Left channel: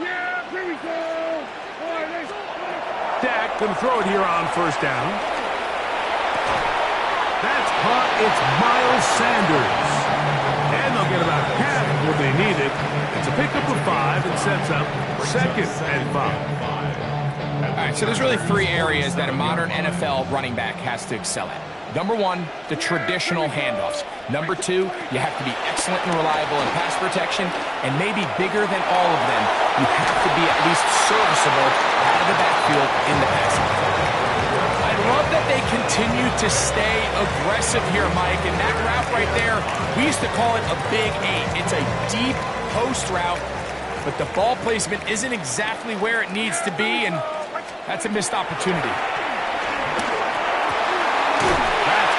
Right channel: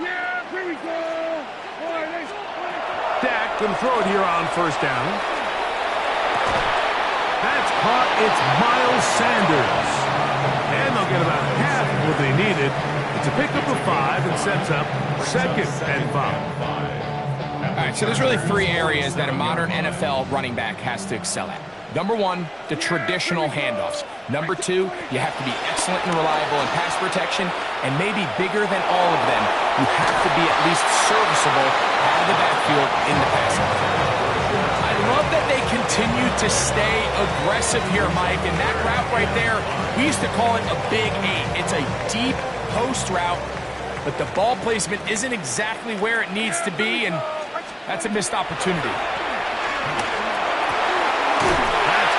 Yeah, here we go. Dak gonna throw it here on first down. That's caught. It's Miles Sanders. And they'll get about half of what they needed. It's a pickup of 5 and sets up 2nd and 5. All right, so there's really 3 areas that a modern NFL running back has to excel at. Number 1, the traditional handoffs. Number 2, you have to be excellent and reliable in pass protection, and maybe bigger than all of them, you have to be at least serviceable out of the backfield in the passing game. I love that they continue to stay aggressive here, Mike, and that route right there, we used to call it a big 8. It's a deep post route, but the ball placement isn't exactly where it needs to be, and that's a missed opportunity.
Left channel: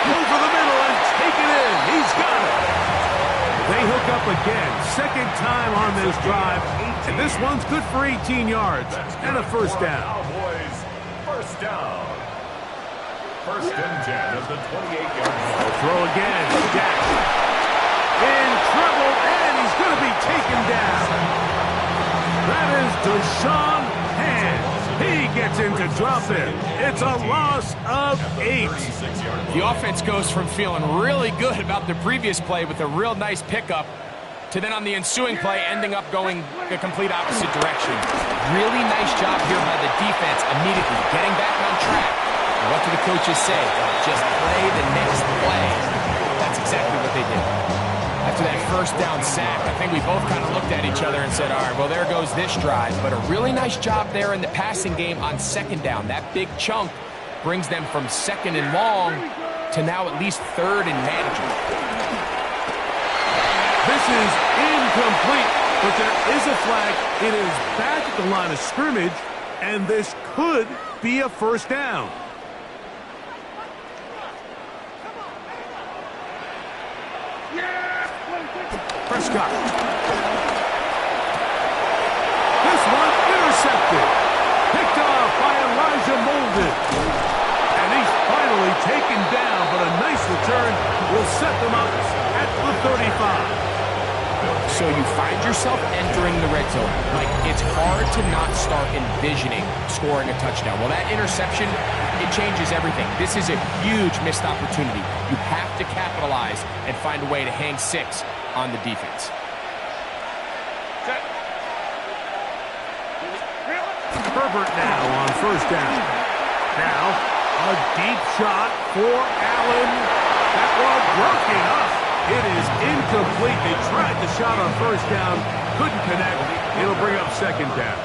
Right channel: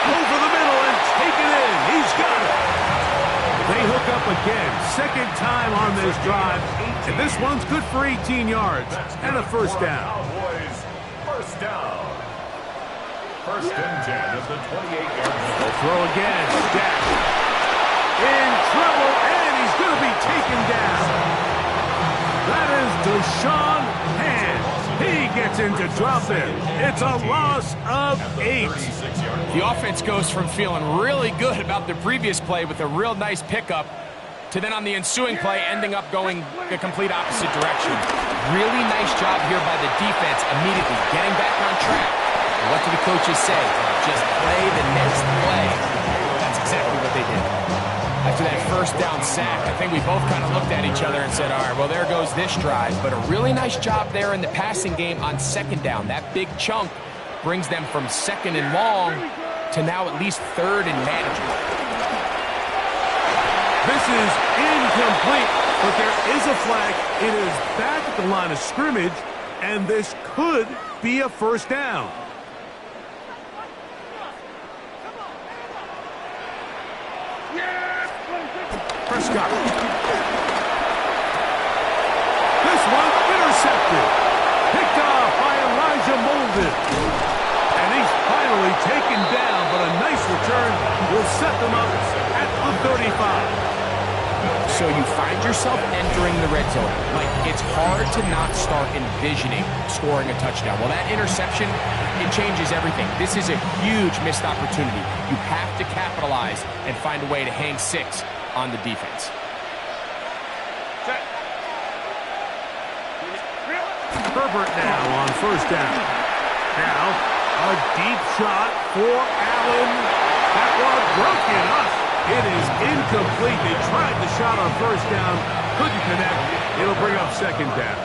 Over the middle and take it in. He's got it. They hook up again. 2nd time on this drive. And this one's good for 18 yards and a first down. First down. 1st and 10 of the 28-yard line. They'll throw again. Dak in trouble, and he's going to be taken down. That is Deshaun Hand. He gets into trouble. It's a loss of 8. The offense goes from feeling really good about the previous play with a real nice pickup to then on the ensuing play ending up going the complete opposite direction. Really nice job here by the defense immediately getting back on track. And what do the coaches say? Just play the next play. That's exactly what they did. After that first down sack, I think we both kind of looked at each other and said, all right, well, there goes this drive. But a really nice job there in the passing game on 2nd down. That big chunk brings them from 2nd and long to now at least 3rd and manageable. This is incomplete, but there is a flag. It is back at the line of scrimmage, and this could be a first down. Prescott. This one intercepted. Picked off by Elijah Molden. And he's finally taken down, but a nice return will set them up at the 35. So you find yourself entering the red zone. Like, it's hard to not start envisioning scoring a touchdown. Well, that interception, it changes everything. This is a huge missed opportunity. You have to capitalize and find a way to hang 6 on the defense. Herbert now on first down. Now, a deep shot for Allen. That one broken up. It is incomplete. They tried the shot on first down. Couldn't connect. It'll bring up 2nd down.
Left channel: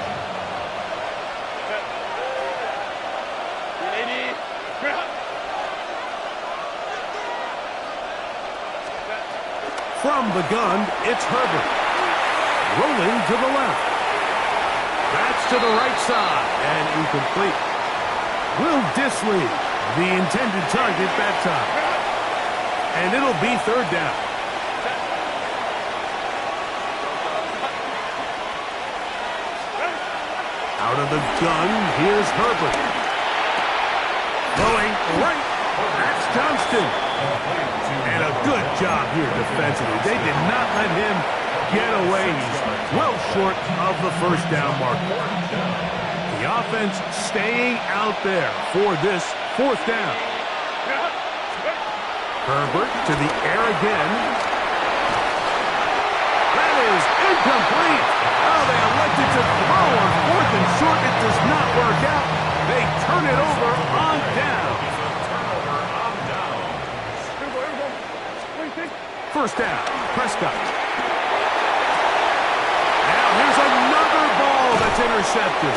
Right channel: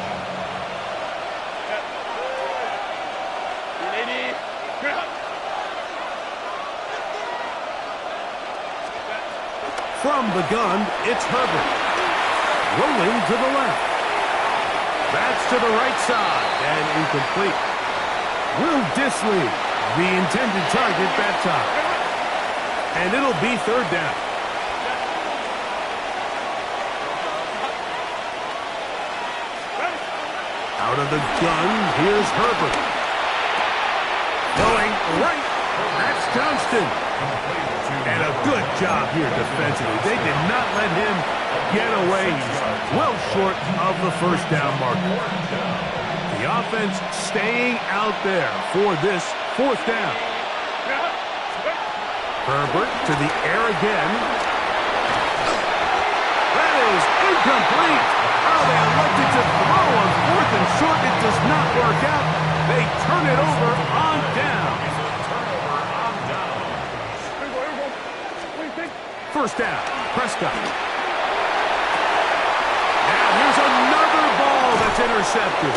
From the gun, it's Herbert. Rolling to the left. That's to the right side and incomplete. Will Disley, the intended target that time. And it'll be 3rd down. Out of the gun, here's Herbert. Going right. That's Johnston. And a good job here defensively. They did not let him get away. He's well short of the first down marker. The offense staying out there for this 4th down. Herbert to the air again. That is incomplete. Oh, they elected to throw on 4th and short. It does not work out. They turn it over on down. First down, Prescott. Now here's another ball that's intercepted.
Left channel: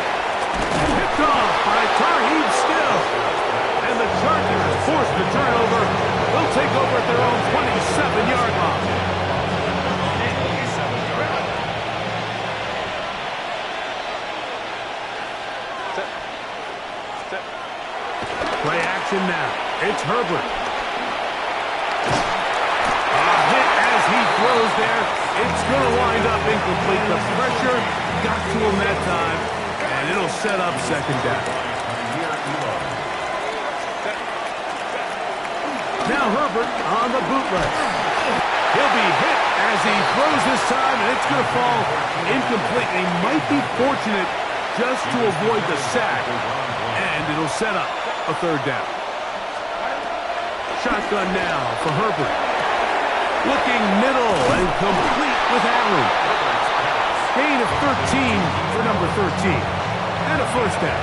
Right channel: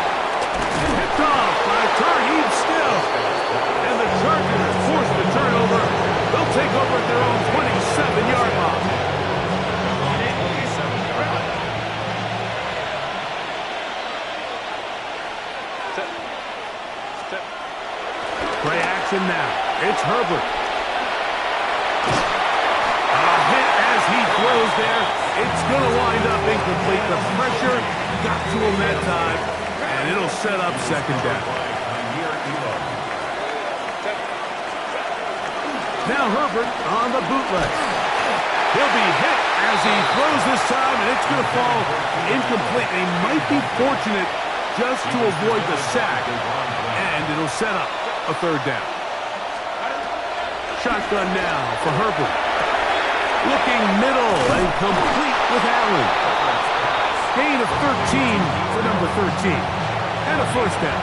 Picked off by Tarheeb Still. And the Chargers force the turnover. They'll take over at their own 27-yard line. Play action now. It's Herbert. A hit as he throws there. It's going to wind up incomplete. The pressure got to him that time, and it'll set up 2nd down. Now Herbert on the bootleg. He'll be hit as he throws this time, and it's going to fall incomplete. They might be fortunate just to avoid the sack, and it'll set up a third down. Shotgun now for Herbert. Looking middle and complete with Allen. Gain of 13 for number 13. And a first down.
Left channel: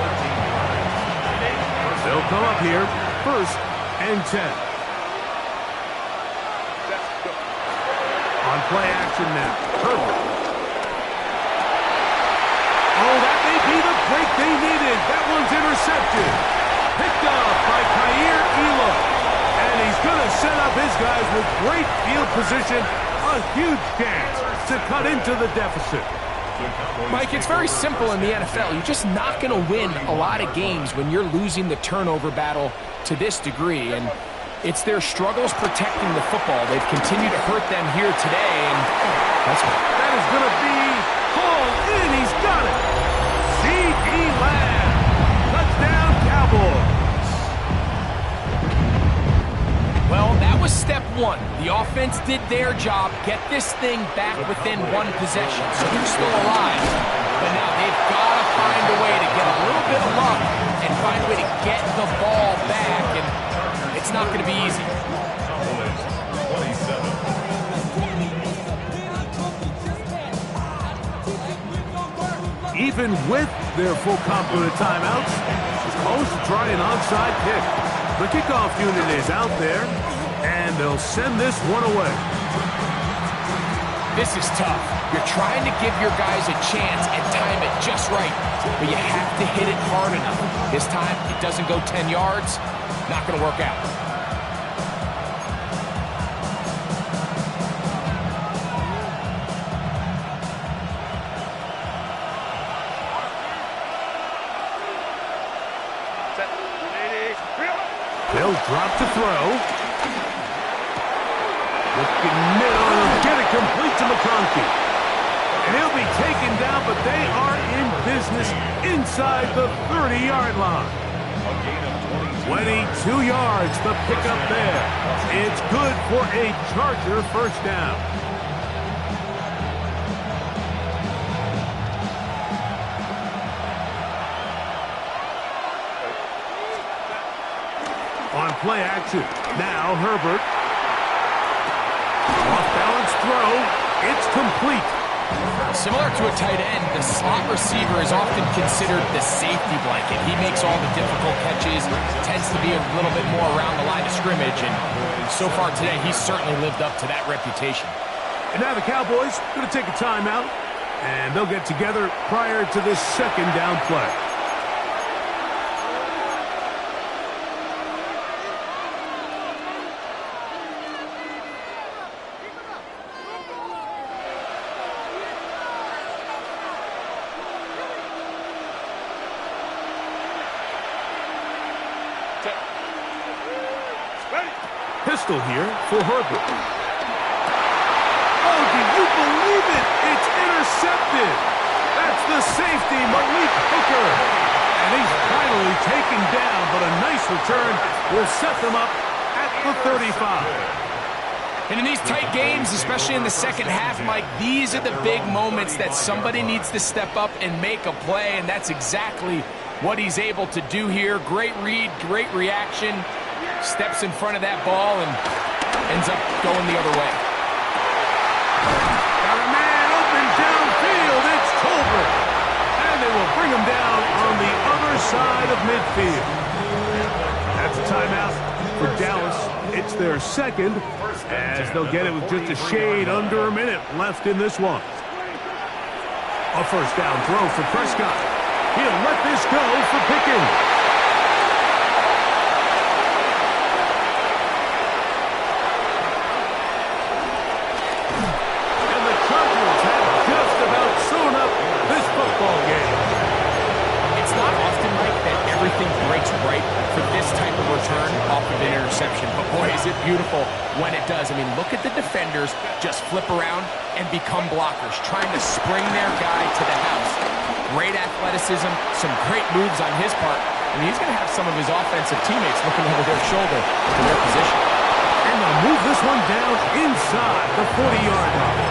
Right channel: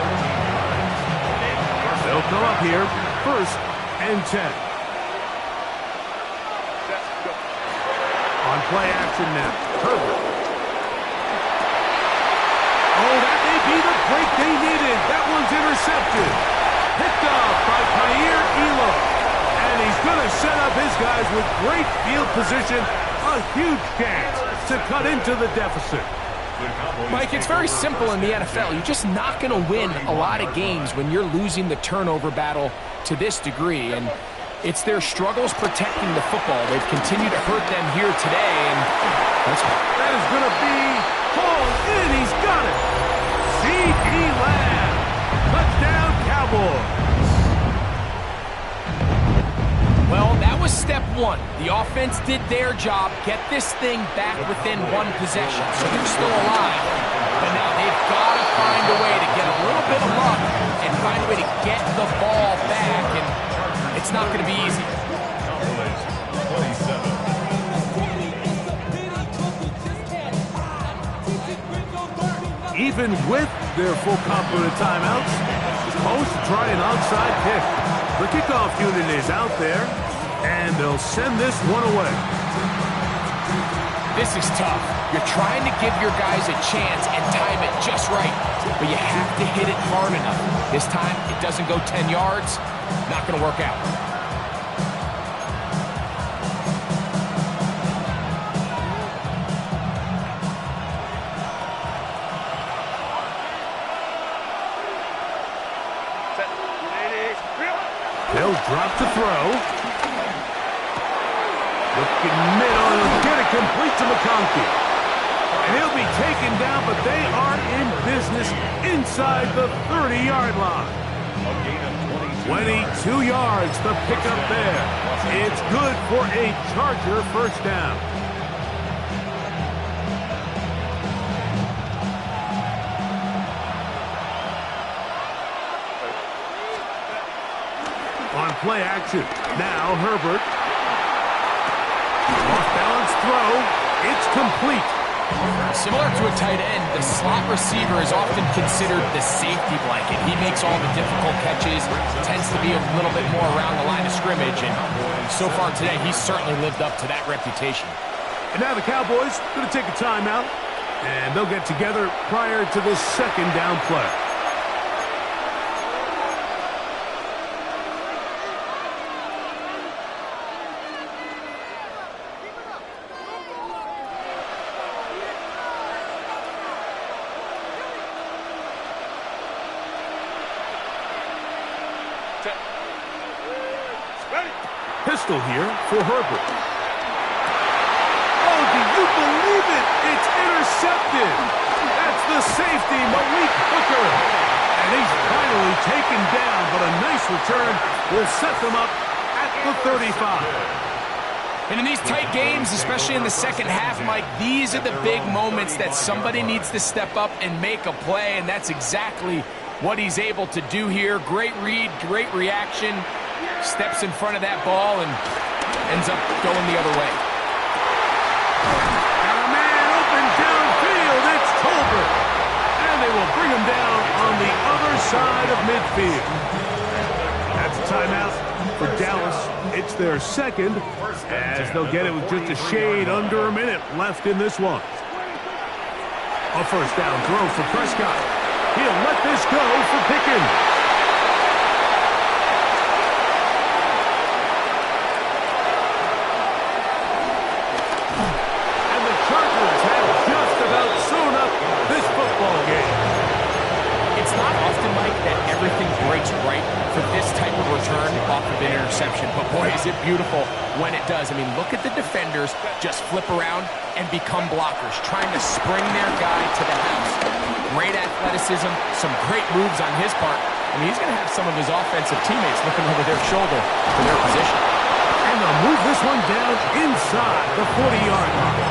They'll come up here, 1st and 10. On play action now, Herbert. Oh, that may be the break they needed. That one's intercepted. Picked up by Kaiir Elam. And he's going to set up his guys with great field position. A huge chance to cut into the deficit. Mike, it's very simple in the NFL. You're just not going to win a lot of games when you're losing the turnover battle to this degree. And it's their struggles protecting the football. They've continued to hurt them here today. And that is going to be hauled in. He's got it. C.D. Lamb. Touchdown, Cowboys. Well, that was step one. The offense did their job, get this thing back within one possession, so they're still alive. But now they've got to find a way to get a little bit of luck and find a way to get the ball back, and it's not going to be easy. Even with their full complement of timeouts, it's close to try an onside kick. The kickoff unit is out there, and they'll send this one away. This is tough. You're trying to give your guys a chance and time it just right, but you have to hit it hard enough. This time, it doesn't go 10 yards. Not going to work out. They'll drop to throw. Looking middle, and he'll get it complete to McConkey. And he'll be taken down, but they are in business inside the 30-yard line. 22 yards, the pickup there. It's good for a Charger first down. On play action, now Herbert. Off-balance throw, it's complete. Similar to a tight end, the slot receiver is often considered the safety blanket. He makes all the difficult catches, tends to be a little bit more around the line of scrimmage, and so far today, he's certainly lived up to that reputation. And now the Cowboys going to take a timeout, and they'll get together prior to this second down play. Pistol here for Herbert. Oh, do you believe it? It's intercepted. That's the safety, Malik Hooker. And he's finally taken down, but a nice return will set them up at the 35. And in these tight games, especially in the second half, Mike, these are the big moments that somebody needs to step up and make a play, and that's exactly what he's able to do here. Great read, great reaction. Steps in front of that ball and ends up going the other way. Got a man open downfield. It's Tolbert. And they will bring him down on the other side of midfield. That's a timeout for Dallas. It's their second, as they'll get it with just a shade under a minute left in this one. A first down throw for Prescott. He'll let this go for Pickens. Sewn up this football game. It's not often, Mike, that everything breaks right for this type of return off of an interception. But boy, is it beautiful when it does. I mean, look at the defenders just flip around and become blockers, trying to spring their guy to the house. Great athleticism, some great moves on his part. I mean, he's going to have some of his offensive teammates looking over their shoulder for their position. And to move this one down inside the 40-yard line.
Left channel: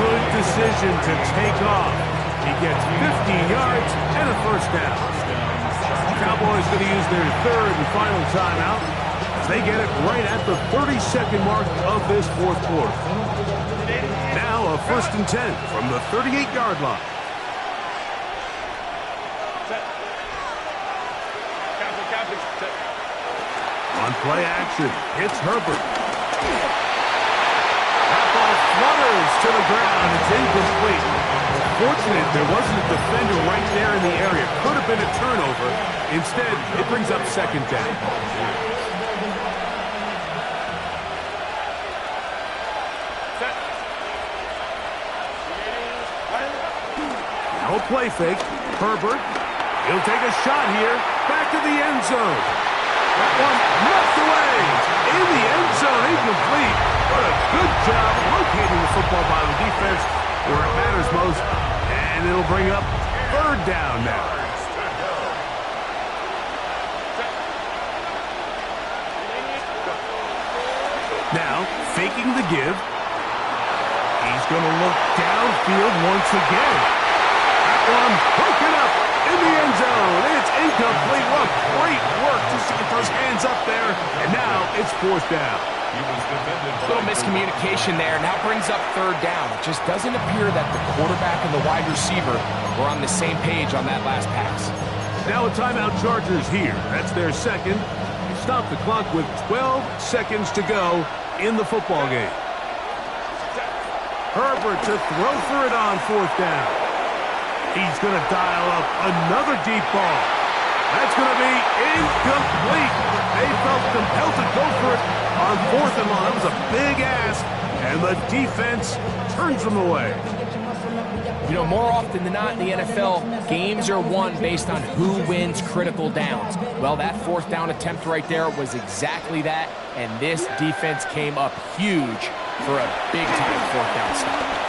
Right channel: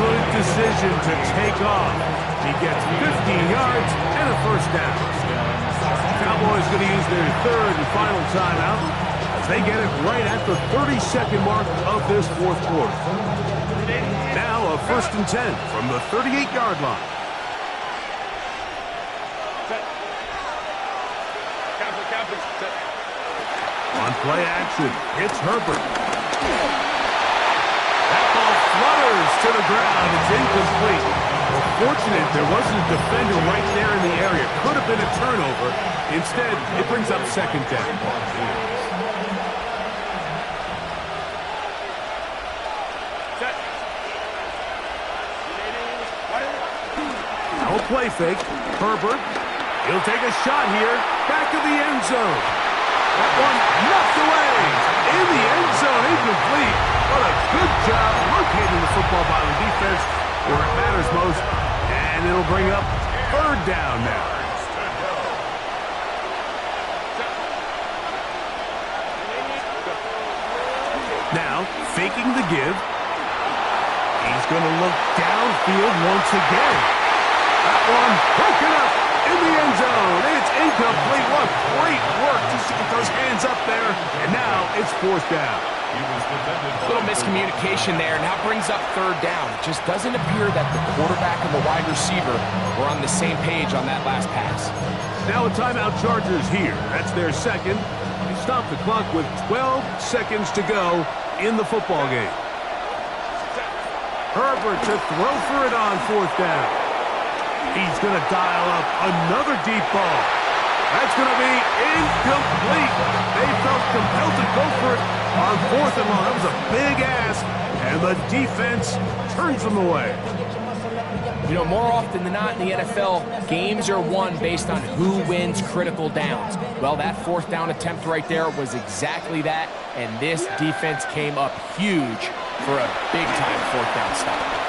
Good decision to take off. He gets 15 yards and a first down. Cowboys going to use their third and final timeout as they get it right at the 32nd mark of this fourth quarter. Now a 1st and 10 from the 38-yard line. On play action, it's Herbert. That ball flutters to the ground. It's incomplete. Well, fortunate there wasn't a defender right there in the area. Could have been a turnover. Instead, it brings up 2nd down. No play fake. Herbert. He'll take a shot here. Back to the end zone. That one knocked away. In the end zone, incomplete. What a good job locating the football by the defense where it matters most. And it'll bring up 3rd down now. Now, faking the give. He's going to look downfield once again. That one broken up in the end zone. It's incomplete. What great work just to get those hands up there. And now it's 4th down. A little miscommunication there. Now brings up 3rd down. It just doesn't appear that the quarterback and the wide receiver were on the same page on that last pass. Now a timeout Chargers here. That's their second. They stop the clock with 12 seconds to go in the football game. Herbert to throw for it on 4th down. He's going to dial up another deep ball. That's going to be incomplete. They felt compelled to go for it on 4th and long. That was a big ask, and the defense turns them away. You know, more often than not in the NFL, games are won based on who wins critical downs. Well, that 4th down attempt right there was exactly that, and this defense came up huge for a big-time 4th down stop.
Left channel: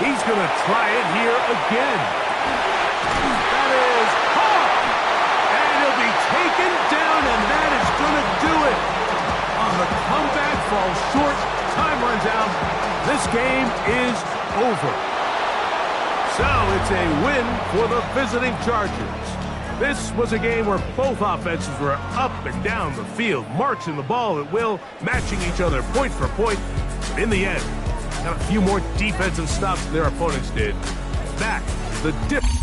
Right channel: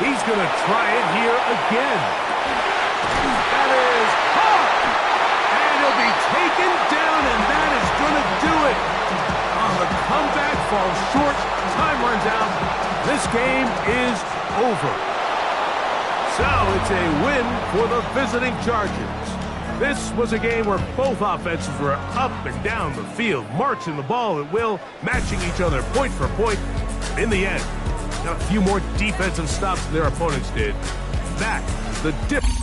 He's going to try it here again. That is hard. And he'll be taken down, and that is going to do it. On the comeback, falls short. Time runs out. This game is over. So it's a win for the visiting Chargers. This was a game where both offenses were up and down the field, marching the ball at will, matching each other point for point. But in the end, got a few more defensive stops than their opponents did. That is the difference.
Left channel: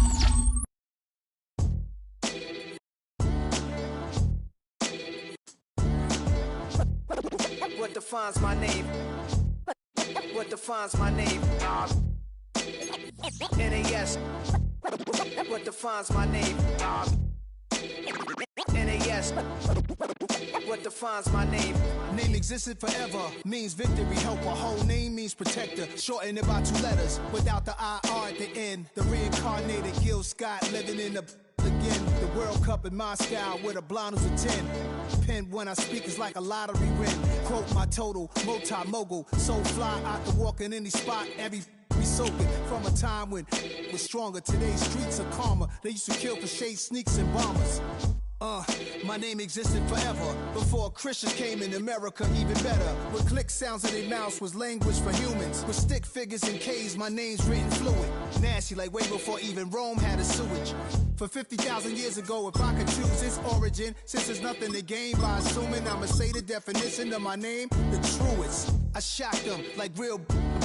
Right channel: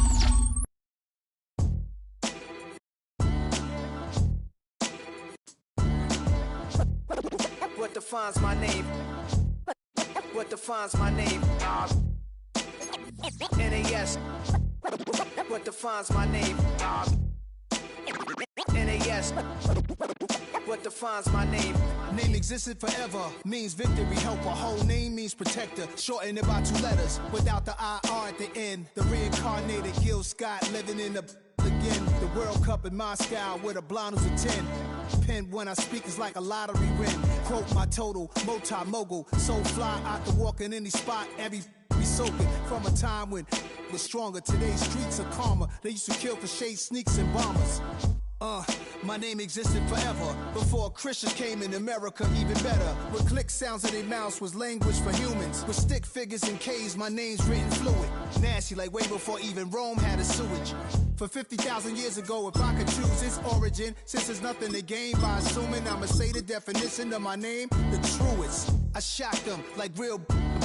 What defines my name? What defines my name? NAS. What defines my name? NAS. What defines my name? Name existed forever, means victory, helper. Whole name means protector, shortened it by 2 letters, without the IR at the end. The reincarnated Gil Scott living in the again. The World Cup in Moscow with a blind who's a 10. Pen when I speak is like a lottery win. Quote my total, multi-mogul, so fly I can walk in any spot, every be soaking from a time when it was stronger. Today's streets are calmer. They used to kill for shade sneaks and bombers. My name existed forever before Christians came in America, even better. With click sounds in their mouths was language for humans. With stick figures and K's, my name's written fluid. Nasty like way before even Rome had a sewage. For 50,000 years ago, if I could choose its origin, since there's nothing to gain by assuming I'ma say the definition of my name, the truest. I shocked them like real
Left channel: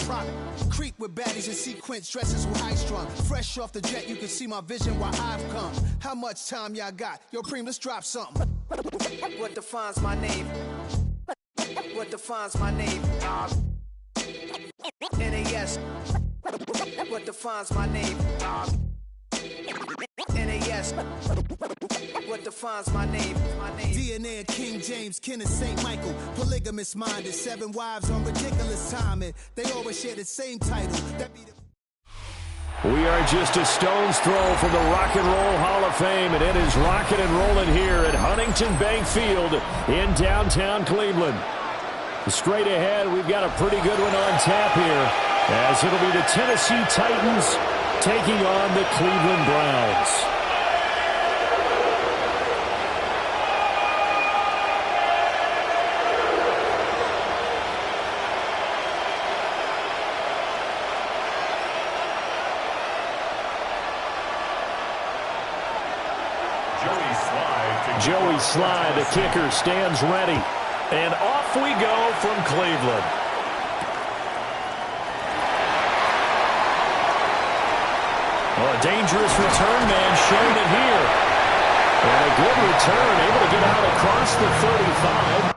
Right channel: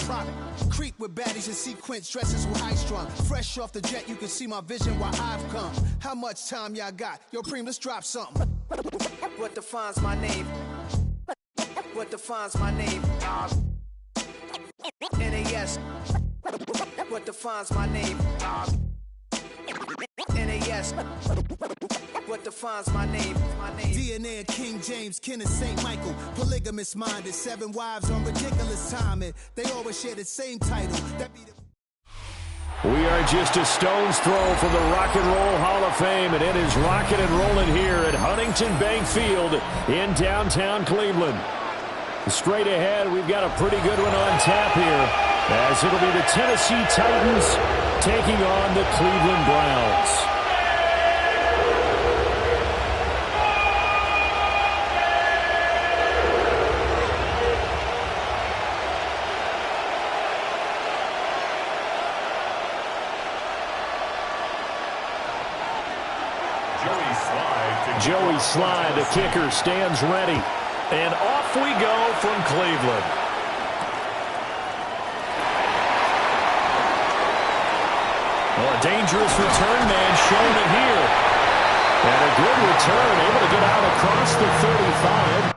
prop. Creep with baddies in sequence, dresses with high strung. Fresh off the jet, you can see my vision where I've come. How much time y'all got? Yo, Preem, let's drop something. What defines my name? What defines my name? NAS. What defines my name? NAS. What defines my name? DNA of King James, kin of St. Michael. Polygamous minded, 7 wives on ridiculous timing. They always share the same title. That be the We are just a stone's throw from the Rock and Roll Hall of Fame, and it is rocking and rolling here at Huntington Bank Field in downtown Cleveland. Straight ahead, we've got a pretty good one on tap here, as it'll be the Tennessee Titans taking on the Cleveland Browns. Joey Slye, the kicker, stands ready. And off we go from Cleveland. Well, a dangerous return man showing it here. And a good return, able to get out across the 35.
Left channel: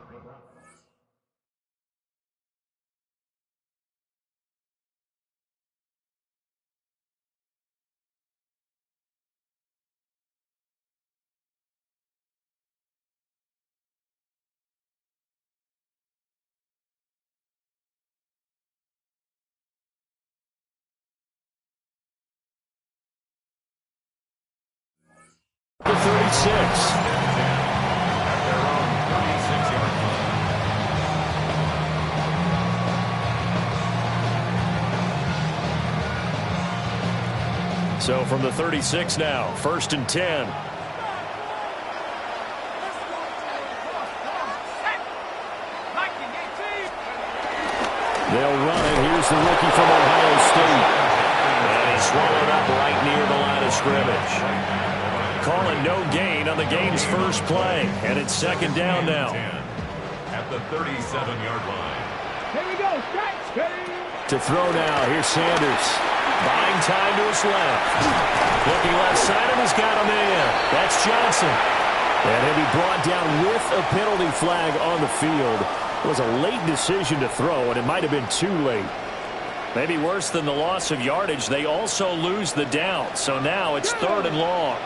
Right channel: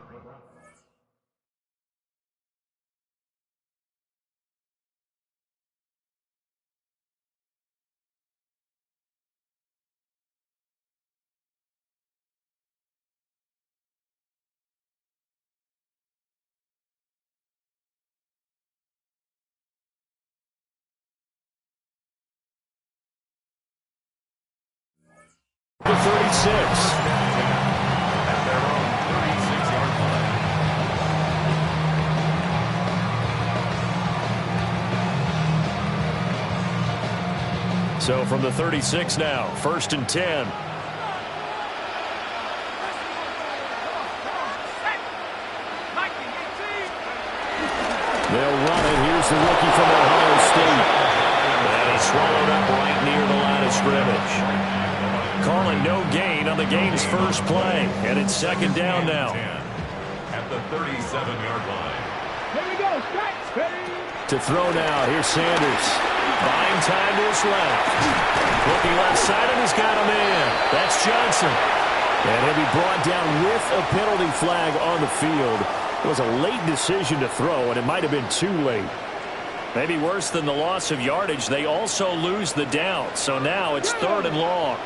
The 36. At their own 36-yard line. So from the 36 now, 1st and 10. They'll run it. Here's the rookie from Ohio State. And he's swallowed up right near the line of scrimmage. Calling no gain on the game's first play. And it's 2nd down now. At the 37-yard line. Here we go. Stretch. To throw now. Here's Sanders. Buying time to his left. Looking left side, and he's got a man. That's Johnson. And he'll be brought down with a penalty flag on the field. It was a late decision to throw, and it might have been too late. Maybe worse than the loss of yardage, they also lose the down. So now it's 3rd and long.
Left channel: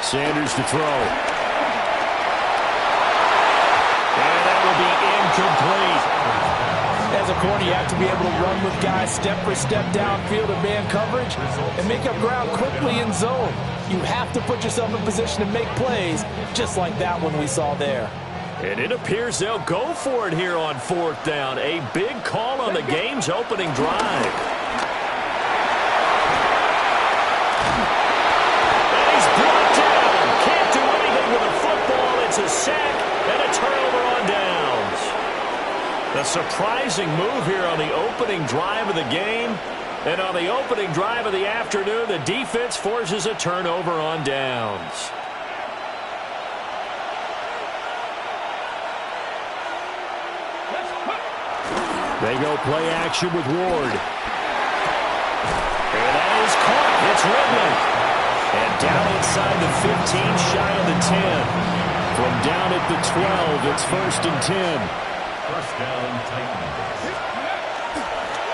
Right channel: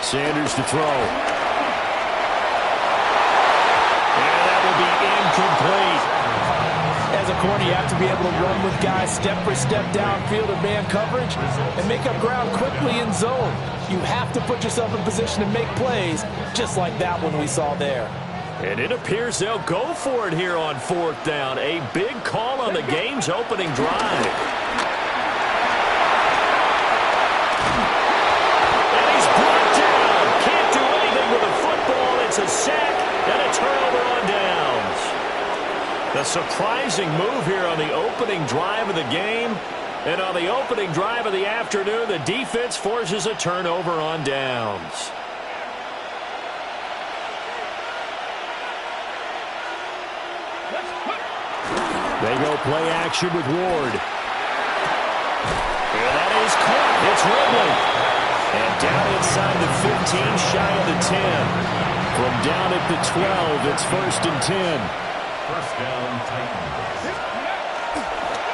Sanders to throw. And that will be incomplete. As a corner, you have to be able to run with guys step for step downfield in man coverage and make up ground quickly in zone. You have to put yourself in position to make plays, just like that one we saw there. And it appears they'll go for it here on 4th down. A big call on the game's opening drive. And he's brought down. Can't do anything with a football. It's a sack and a turnover on downs. The surprising move here on the opening drive of the game. And on the opening drive of the afternoon, the defense forces a turnover on downs. They go play action with Ward. And that is caught. It's Ridley. And down inside the 15, shy of the 10. From down at the 12, it's 1st and 10. 1st down, Titans.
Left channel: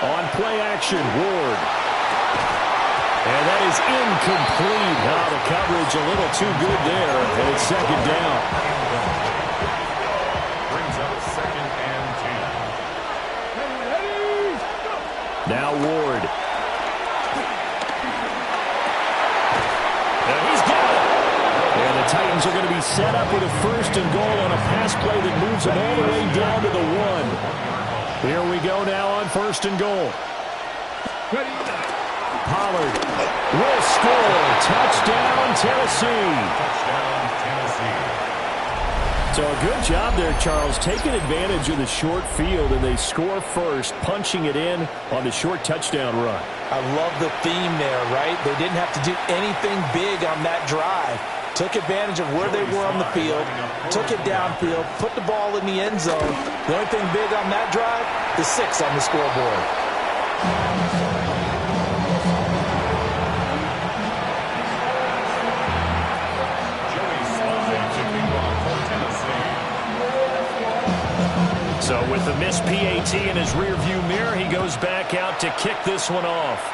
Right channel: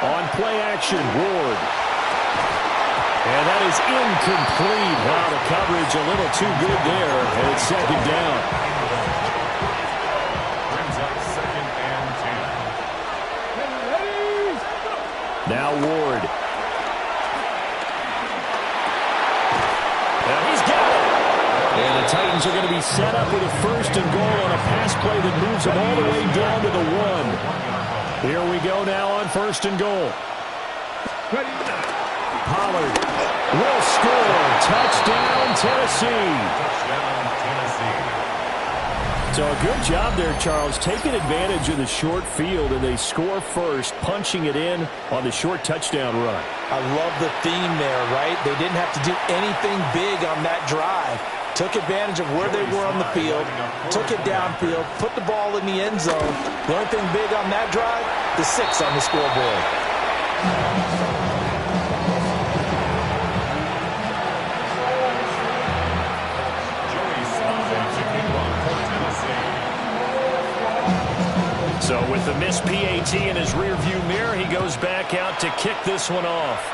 On play action, Ward. And that is incomplete. Now the coverage a little too good there. And it's 2nd down. Brings up 2nd and 10. Now Ward. Now he's got it. And the Titans are going to be set up with a 1st and goal on a pass play that moves them all the way down to the 1. Here we go now on 1st and goal. Pollard will score. Touchdown, Tennessee. Touchdown, Tennessee. So a good job there, Charles, taking advantage of the short field, and they score first, punching it in on the short touchdown run. I love the theme there, right? They didn't have to do anything big on that drive. Took advantage of where they were on the field, took it downfield, put the ball in the end zone. The only thing big on that drive, the 6 on the scoreboard. So with the missed PAT in his rearview mirror, he goes back out to kick this one off.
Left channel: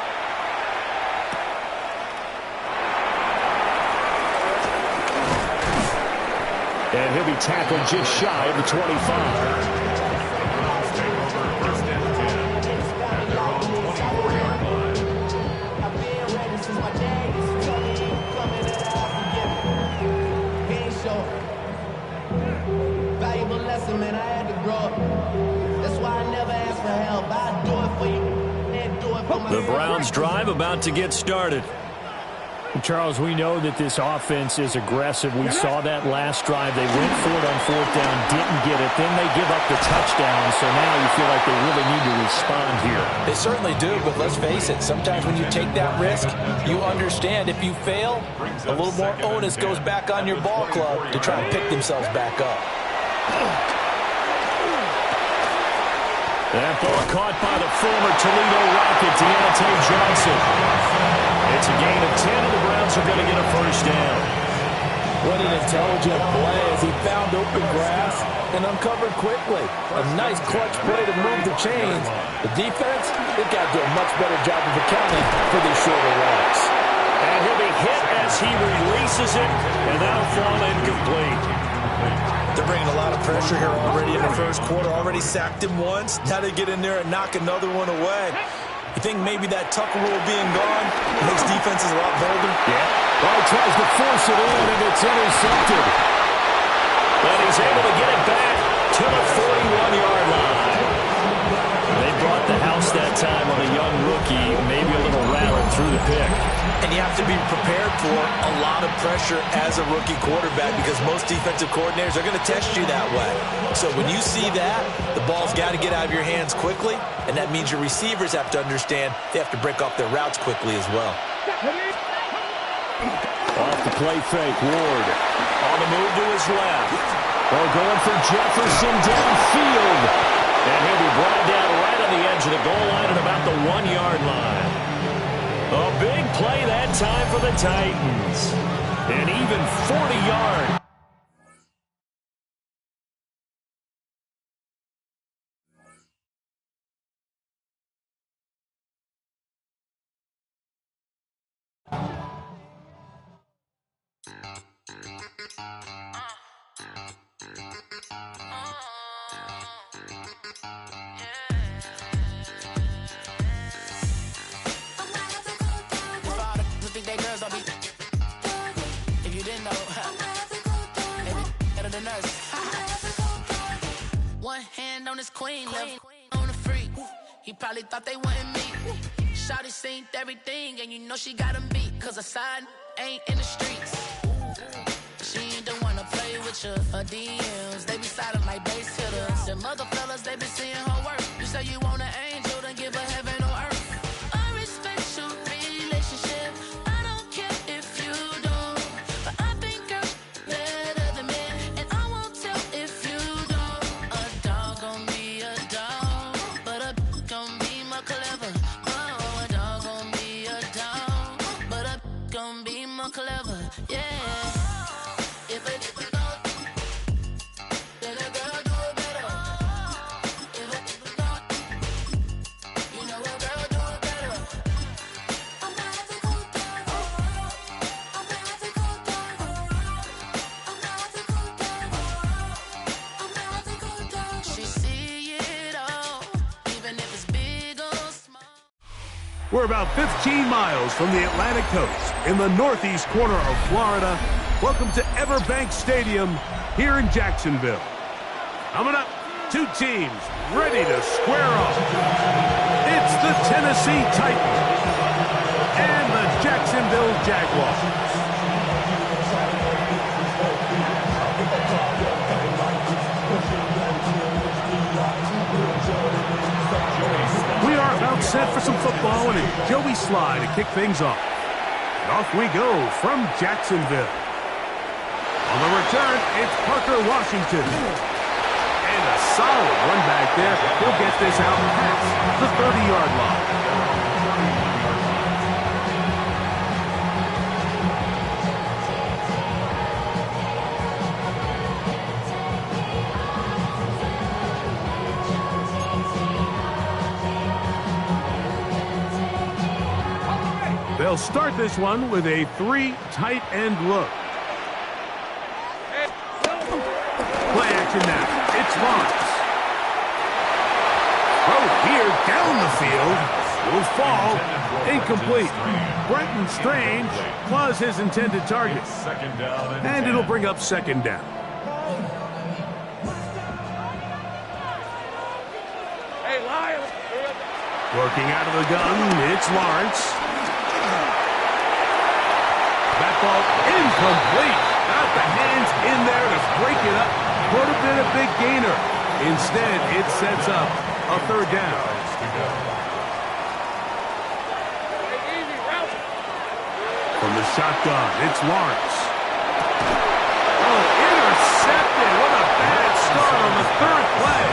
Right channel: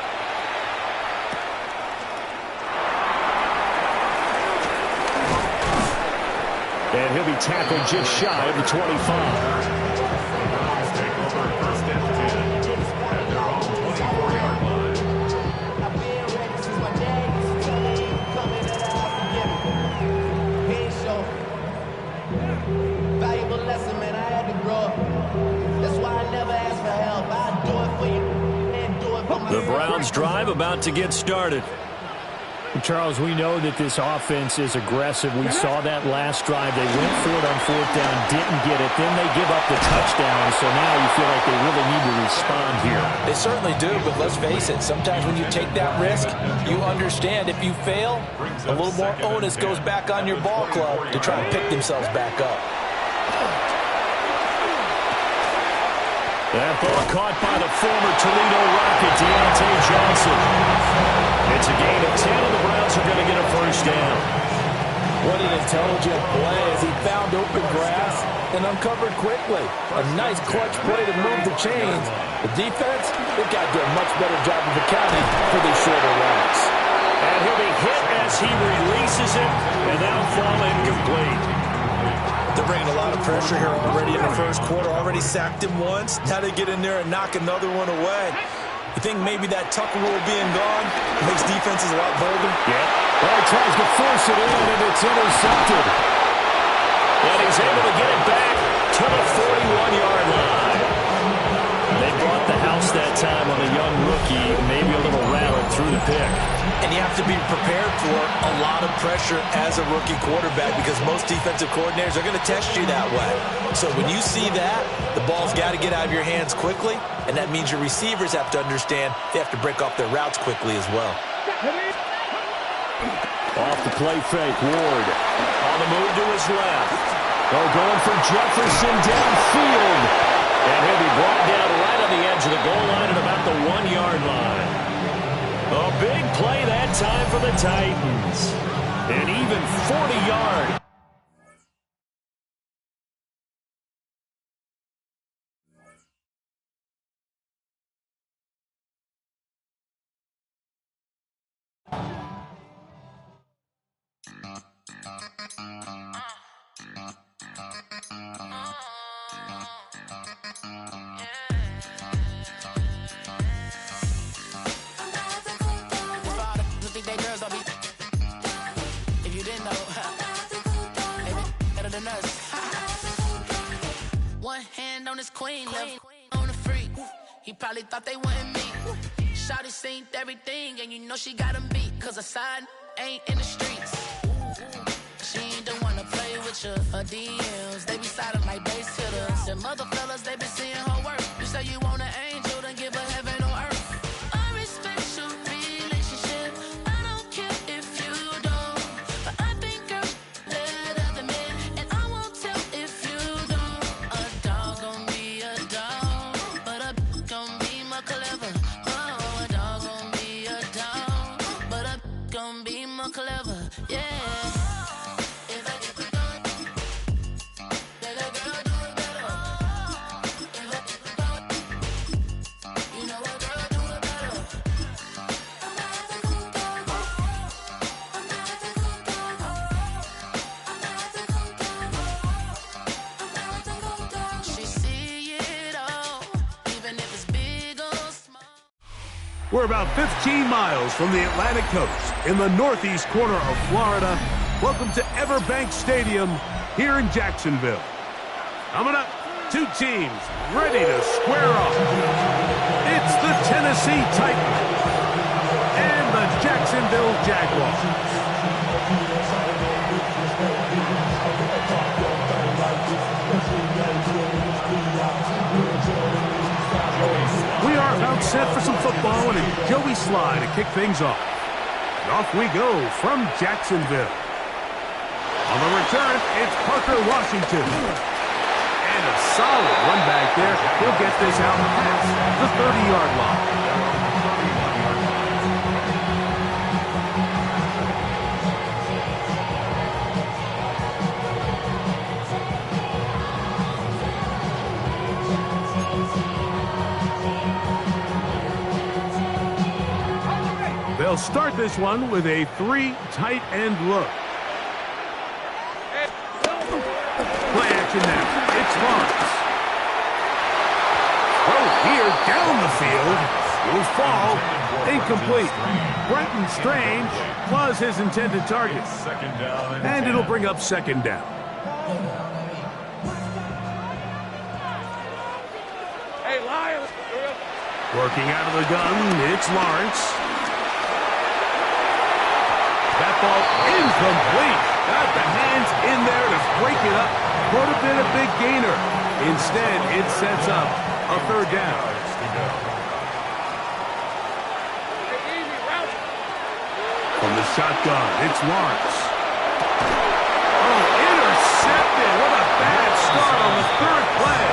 And he'll be tackled just shy of the 25. The Browns take over 1st and 10 at their own 24-yard line. I've been ready since my dad used to tell me you coming that I'll forgive me. He ain't show. Valuable lesson, man, I had to grow up. That's why I never ask for help. I do it for you and do it for my The Browns drive about to get started. Charles, we know that this offense is aggressive. We saw that last drive. They went for it on 4th down, didn't get it. Then they give up the touchdown, so now you feel like they really need to respond here. They certainly do, but let's face it, sometimes when you take that risk, you understand if you fail, a little more onus goes back on your ball club to try and pick themselves back up. That ball caught by the former Toledo Rocket, Deontay Johnson. It's a gain of 10, and the Browns are going to get a first down. What an intelligent play as he found open grass and uncovered quickly. A nice clutch play to move the chains. The defense, they've got to do a much better job of accounting for these shorter routes. And he'll be hit as he releases it, and that'll fall incomplete. They're bringing a lot of pressure here already in the first quarter. Already sacked him once. Now they get in there and knock another one away. You think maybe that Tucker rule being gone makes defenses a lot bolder? Yeah. Well, he tries to force it in, and it's intercepted. And he's able to get it back to the 41-yard line. They brought the house that time on a young rookie, maybe a little rattled through the pick. And you have to be prepared for a lot of pressure as a rookie quarterback because most defensive coordinators are going to test you that way. So when you see that, the ball's got to get out of your hands quickly, and that means your receivers have to understand they have to break off their routes quickly as well. Off the play fake, Ward on the move to his left. Oh, going for Jefferson downfield. And he'll be brought down right on the edge of the goal line at about the 1-yard line. A big play that time for the Titans. An even 40-yard. If you didn't know, they better than us. One hand on his queen, left on the freak. He probably thought they wouldn't meet. Shawty seen everything, and you know she got him beat. Cause her side ain't in the streets. She ain't the one to play with you. Her DMs, they be silent like base hitters. Them other fellas, they be seeing her work. You say you want an angel, then give her heaven on earth. I respect your relationship. I don't care if you don't. But I think girls better than men. And I won't tell if you don't. A dog gon' be a dog. But a gon' be more clever. Oh, a dog gon' be a dog. But a gon' be more clever. Yeah. We're about 15 miles from the Atlantic coast in the northeast corner of Florida. Welcome to Everbank Stadium here in Jacksonville. Coming up, two teams ready to square off. It's the Tennessee Titans and the Jacksonville Jaguars. We are about set for some football and a Joey Sly to kick things off. And off we go from Jacksonville. On the return, it's Parker Washington. And a solid run back there. He'll get this out past the 30-yard line. They'll start this one with a 3 tight end look. Play action now. It's Lawrence. Throw here down the field. Will fall. Incomplete. Brenton Strange was his intended target. And it'll bring up second down. Hey, Lions. Working out of the gun, it's Lawrence. That ball incomplete. Got the hands in there to break it up. Could have been a big gainer. Instead, it sets up a third down. From the shotgun, it's Lawrence. Oh, intercepted. What a bad start on the third play.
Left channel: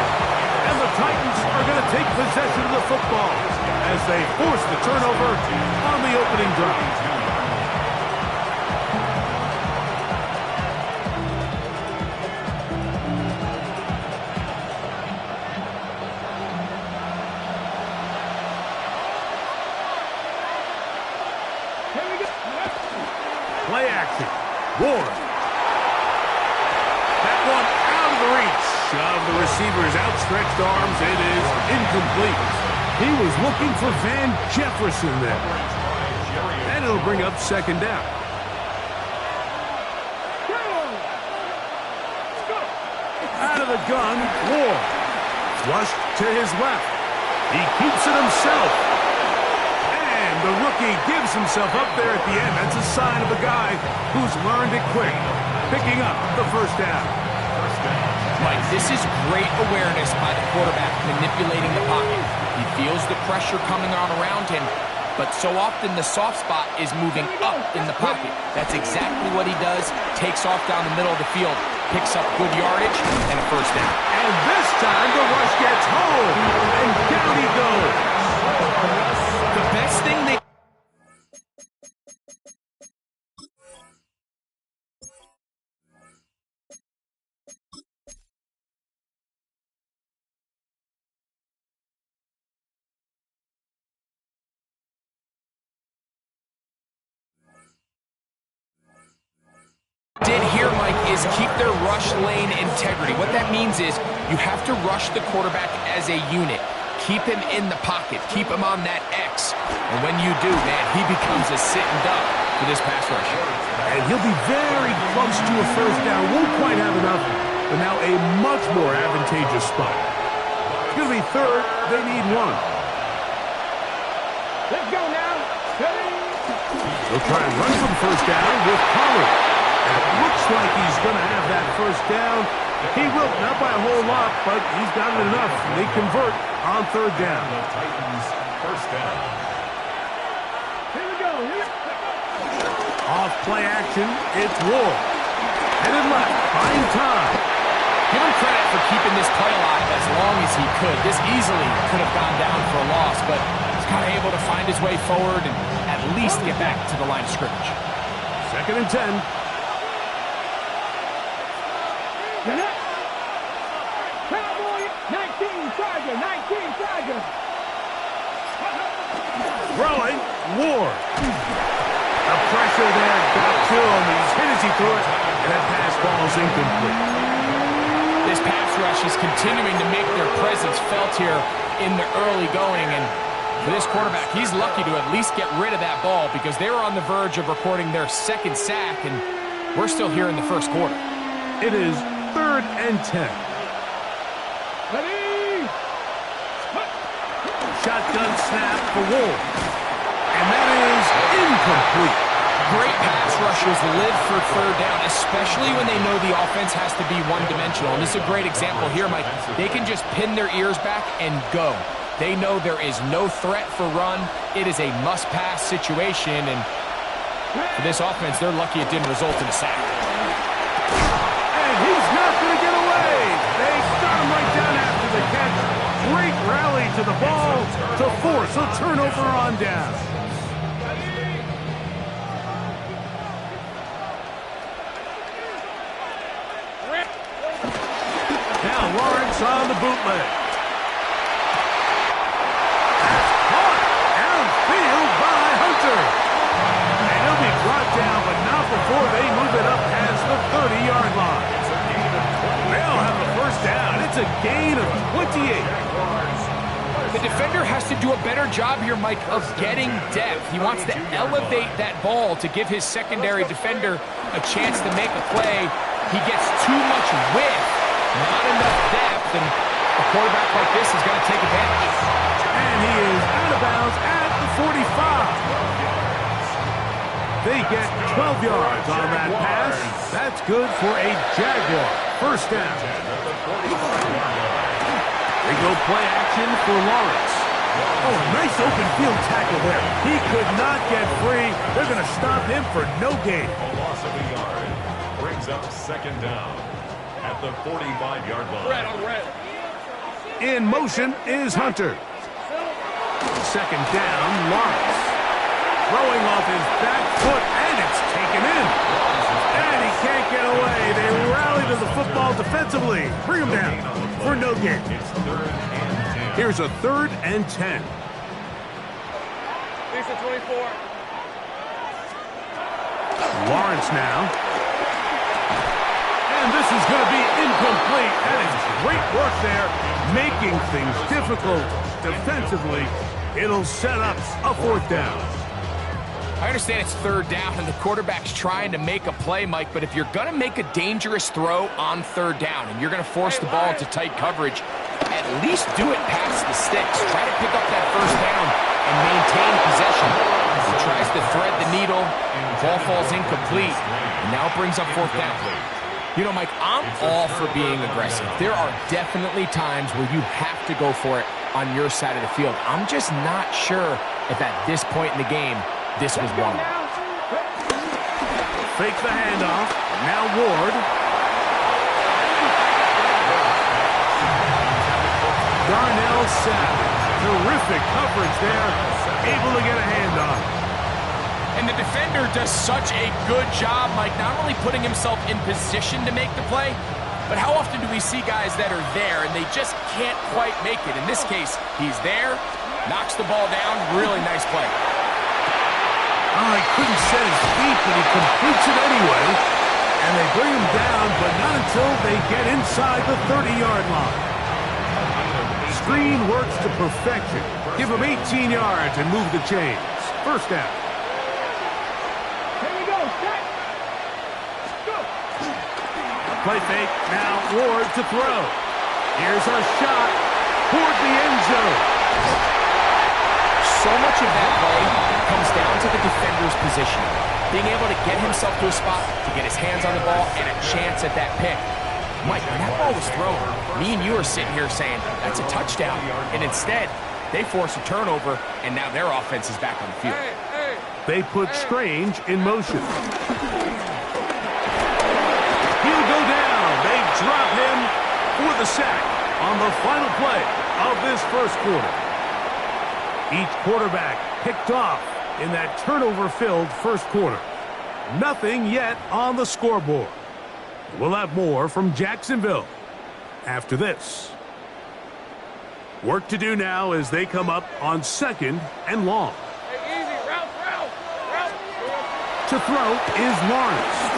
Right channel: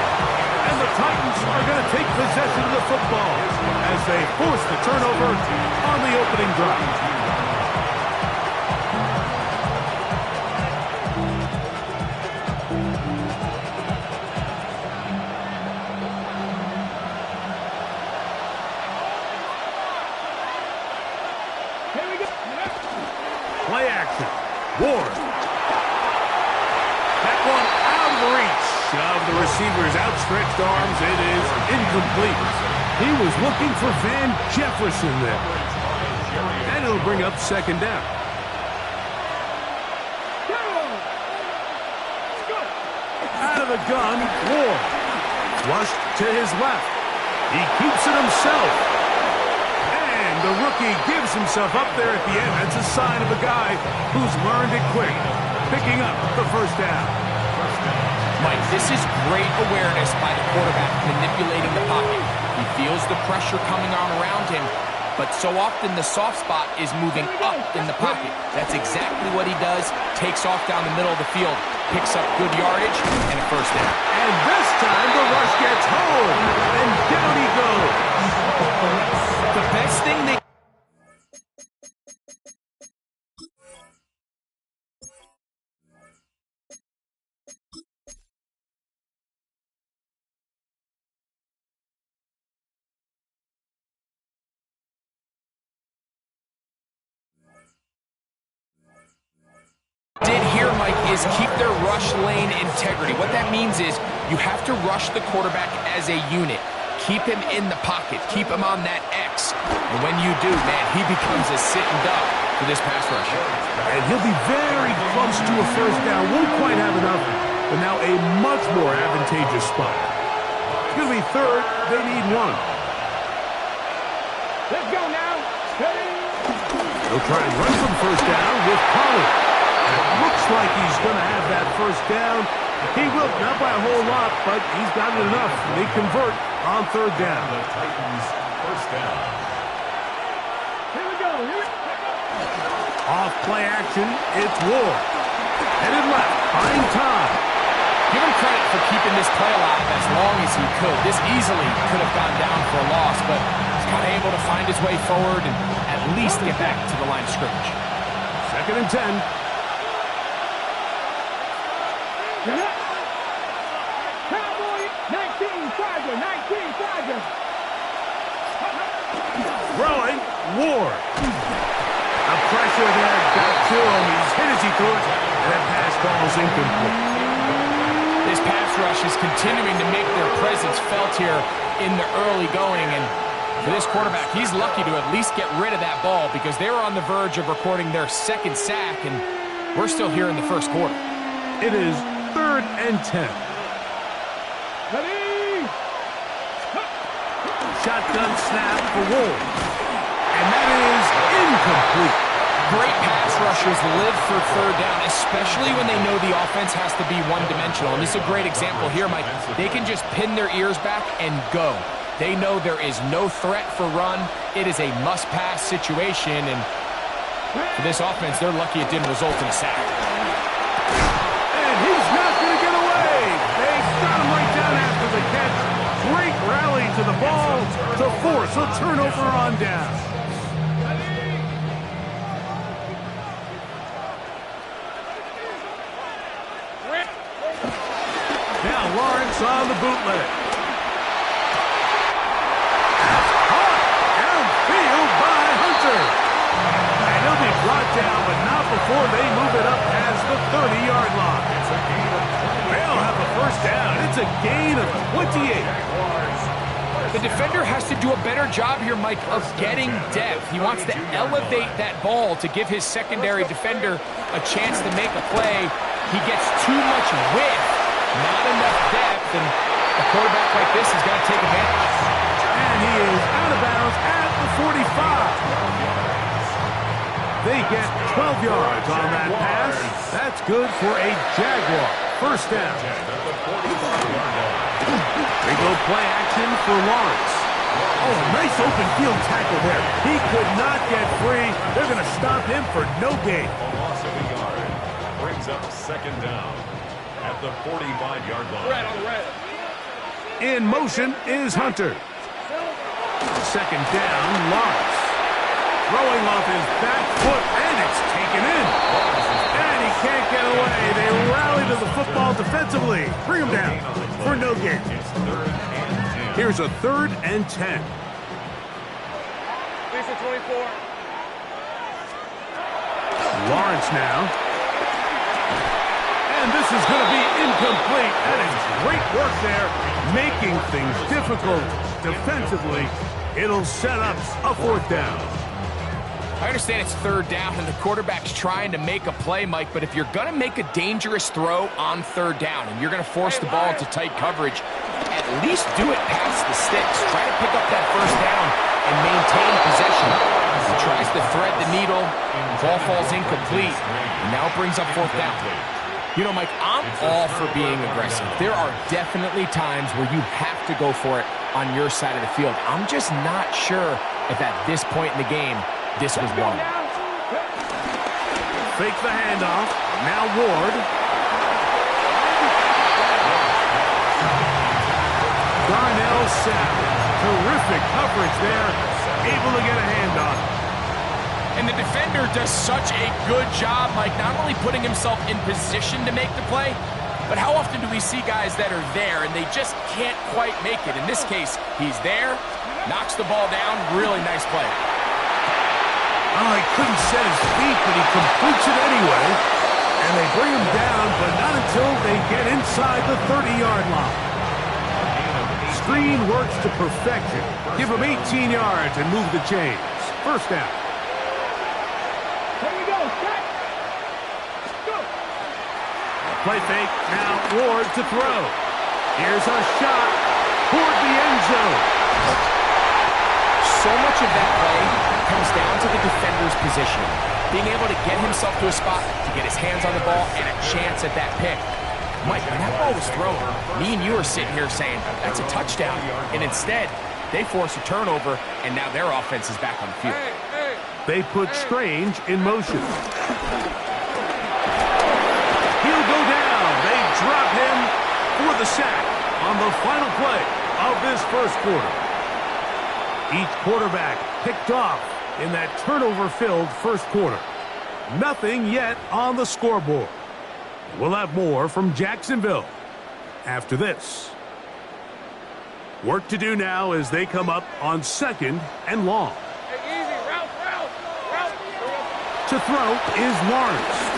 And the Titans are going to take possession of the football as they force the turnover on the opening drive. Play action. Ward. That one out of the reach of the receiver's outstretched arms. It is incomplete. He was looking for Van Jefferson there. And it'll bring up second down. Out of the gun, Ward. Flushed to his left. He keeps it himself. The rookie gives himself up there at the end. That's a sign of a guy who's learned it quick, picking up the first down. Mike, this is great awareness by the quarterback manipulating the pocket. He feels the pressure coming on around him, but so often the soft spot is moving up in the pocket. That's exactly what he does. Takes off down the middle of the field, picks up good yardage, and a first down. And this time the rush gets home, and down he goes. The best thing they did here, Mike, is keep their rush lane integrity. What that means is you have to rush the quarterback as a unit. Keep him in the pocket. Keep him on that X. And when you do, man, he becomes a sitting duck for this pass rush. And he'll be very close to a first down. Won't quite have enough, but now a much more advantageous spot. It's going to be third. They need one. Let's go now. Steady. They'll try and run for the first down with Pollard. And it looks like he's going to have that first down. He will, not by a whole lot, but he's got it enough. They convert on third down. The Titans first down. Here we go. Off play action, it's Ward. Headed left, buying time. Give him credit for keeping this play alive as long as he could. This easily could have gone down for a loss, but he's kind of able to find his way forward and at least get back to the line of scrimmage. 2nd and 10. Cowboy, 19 Tiger, 19 Tiger. Throwing, Ward. The pressure there got to him. He's hit as he threw it, and that pass ball is incomplete. This pass rush is continuing to make their presence felt here in the early going, and for this quarterback, he's lucky to at least get rid of that ball because they were on the verge of recording their second sack, and we're still here in the first quarter. It is 3rd and 10. Ready? Shotgun snap for Ward. And that is incomplete. Great pass rushers live for third down, especially when they know the offense has to be one-dimensional. And this is a great example here, Mike. They can just pin their ears back and go. They know there is no threat for run. It is a must-pass situation, and for this offense, they're lucky it didn't result in a sack. And he's not going to get away. They got him right down after the catch. Great rally to the ball to force a turnover on down. Now Lawrence on the bootleg. That's caught downfield by Hunter. And he'll be brought down, but not before they move it up past the 30-yard line. It's a gain of 28. They'll have a first down. It's a gain of 28. The defender has to do a better job here, Mike, of getting depth. He wants to elevate that ball to give his secondary defender a chance to make a play. He gets too much width, not enough depth, and a quarterback like this is going to take advantage. And he is out of bounds at the 45. They get 12 yards on that pass. That's good for a Jaguar. First down. They go play action for Lawrence. Oh, a nice open field tackle there. He could not get free. They're going to stop him for no gain. A loss of a yard. Brings up second down at the 45-yard line. Red on red. In motion is Hunter. Second down, Lawrence. Throwing off his back foot, and it's taken in. And he can't get away. They rally to the football defensively. Bring him down for no gain. It's 3rd and 10. Here's a 3rd and 10. Lisa 24. Lawrence now. And this is going to be incomplete. That is great work there, making things difficult defensively. It'll set up a 4th down. I understand it's 3rd down and the quarterback's trying to make a play, Mike, but if you're going to make a dangerous throw on 3rd down and you're going to force the ball into tight coverage, at least do it past the sticks. Try to pick up that 1st down and maintain possession. He tries to thread the needle, ball falls incomplete, and now it brings up 4th down. You know, Mike, I'm all for being aggressive. There are definitely times where you have to go for it on your side of the field. I'm just not sure if at this point in the game, this was one of them. Fake the handoff. Now Ward. Darnell Savage. Terrific coverage there. Able to get a hand on it. And the defender does such a good job, Mike, not only putting himself in position to make the play, but how often do we see guys that are there and they just can't quite make it? In this case, he's there, knocks the ball down, really nice play. Oh, he couldn't set his feet, but he completes it anyway. And they bring him down, but not until they get inside the 30-yard line. Screen works to perfection. Give him 18 yards and move the chains. First down. Here we go. Set. Go. Play fake. Now Ward to throw. Here's a shot toward the end zone. So much of that play comes down to the defender's positioning. Being able to get himself to a spot, to get his hands on the ball, and a chance at that pick. Mike, when that ball was thrown, me and you are sitting here saying, that's a touchdown. And instead, they force a turnover, and now their offense is back on the field. They put Strange in motion. He'll go down. They drop him for the sack on the final play of this first quarter. Each quarterback picked off in that turnover-filled first quarter. Nothing yet on the scoreboard. We'll have more from Jacksonville after this. Work to do now as they come up on 2nd and long. Hey, easy. Route. To throw is Lawrence.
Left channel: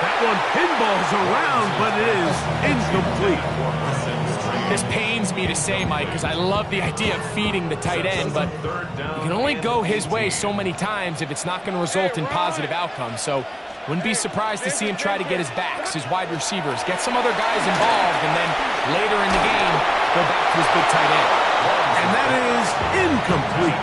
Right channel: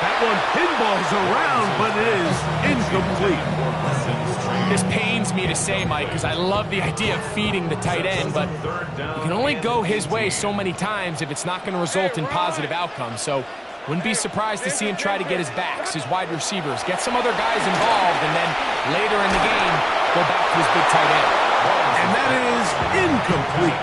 That one pinballs around, but it is incomplete. This pains me to say, Mike, because I love the idea of feeding the tight end, but you can only go his way so many times if it's not going to result in positive outcomes. So wouldn't be surprised to see him try to get his backs, his wide receivers, get some other guys involved, and then later in the game, go back to his big tight end. And that is incomplete.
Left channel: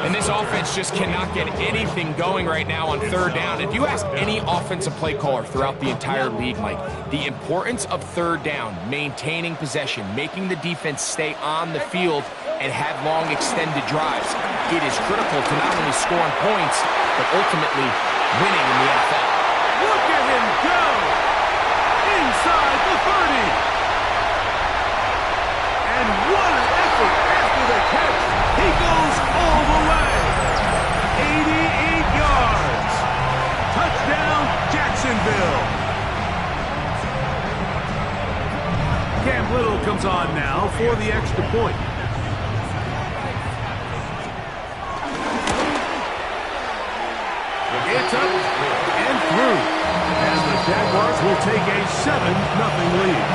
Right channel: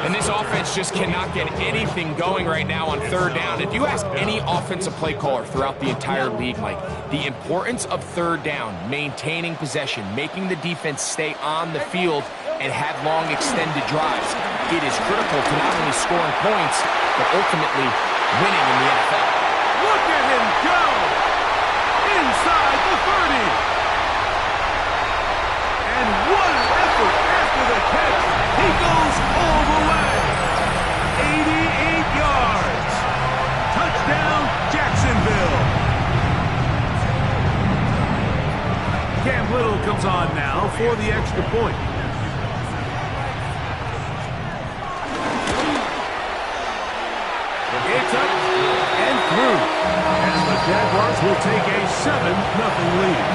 And this offense just cannot get anything going right now on 3rd down. If you ask any offensive play caller throughout the entire league, Mike, the importance of 3rd down, maintaining possession, making the defense stay on the field and have long extended drives, it is critical to not only scoring points, but ultimately winning in the NFL. Look at him go! Inside the 30. And what an effort after the catch. He goes all the way. 88 yards. Touchdown, Jacksonville. Cam Little comes on now for the extra point. It's up and through. And the Jaguars will take a 7-0 lead.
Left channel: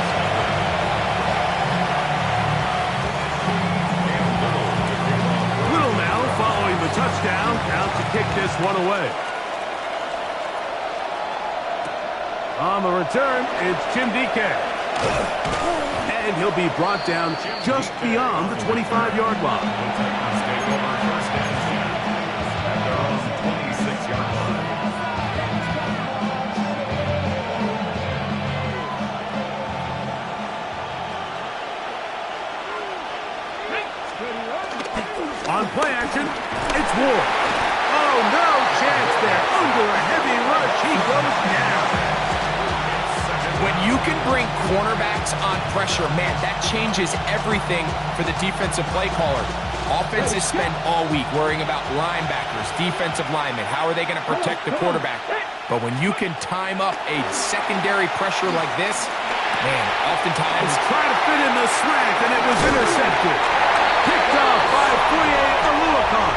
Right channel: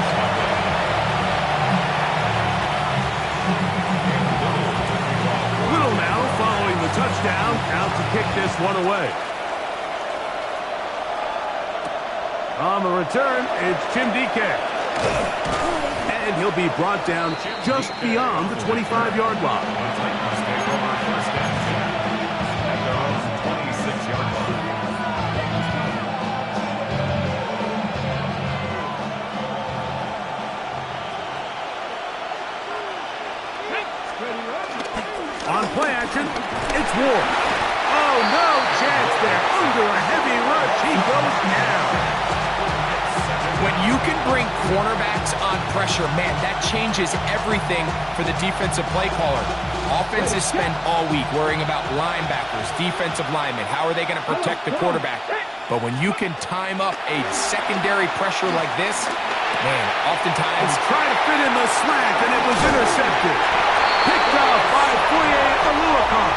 Following the touchdown, out to kick this one away. On the return, it's Jim DK. And he'll be brought down just beyond the 25-yard line. The Titans take over 1st and 10 at their own 26. On play action, it's Ward. Oh, no chance there. Under a heavy rush, he goes down. When you can bring cornerbacks on pressure, man, that changes everything for the defensive play caller. Offenses spend all week worrying about linebackers, defensive linemen. How are they going to protect the quarterback? But when you can time up a secondary pressure like this, man, oftentimes... He's trying to fit in the slant, and it was intercepted. Picked off by Foye Oluokun.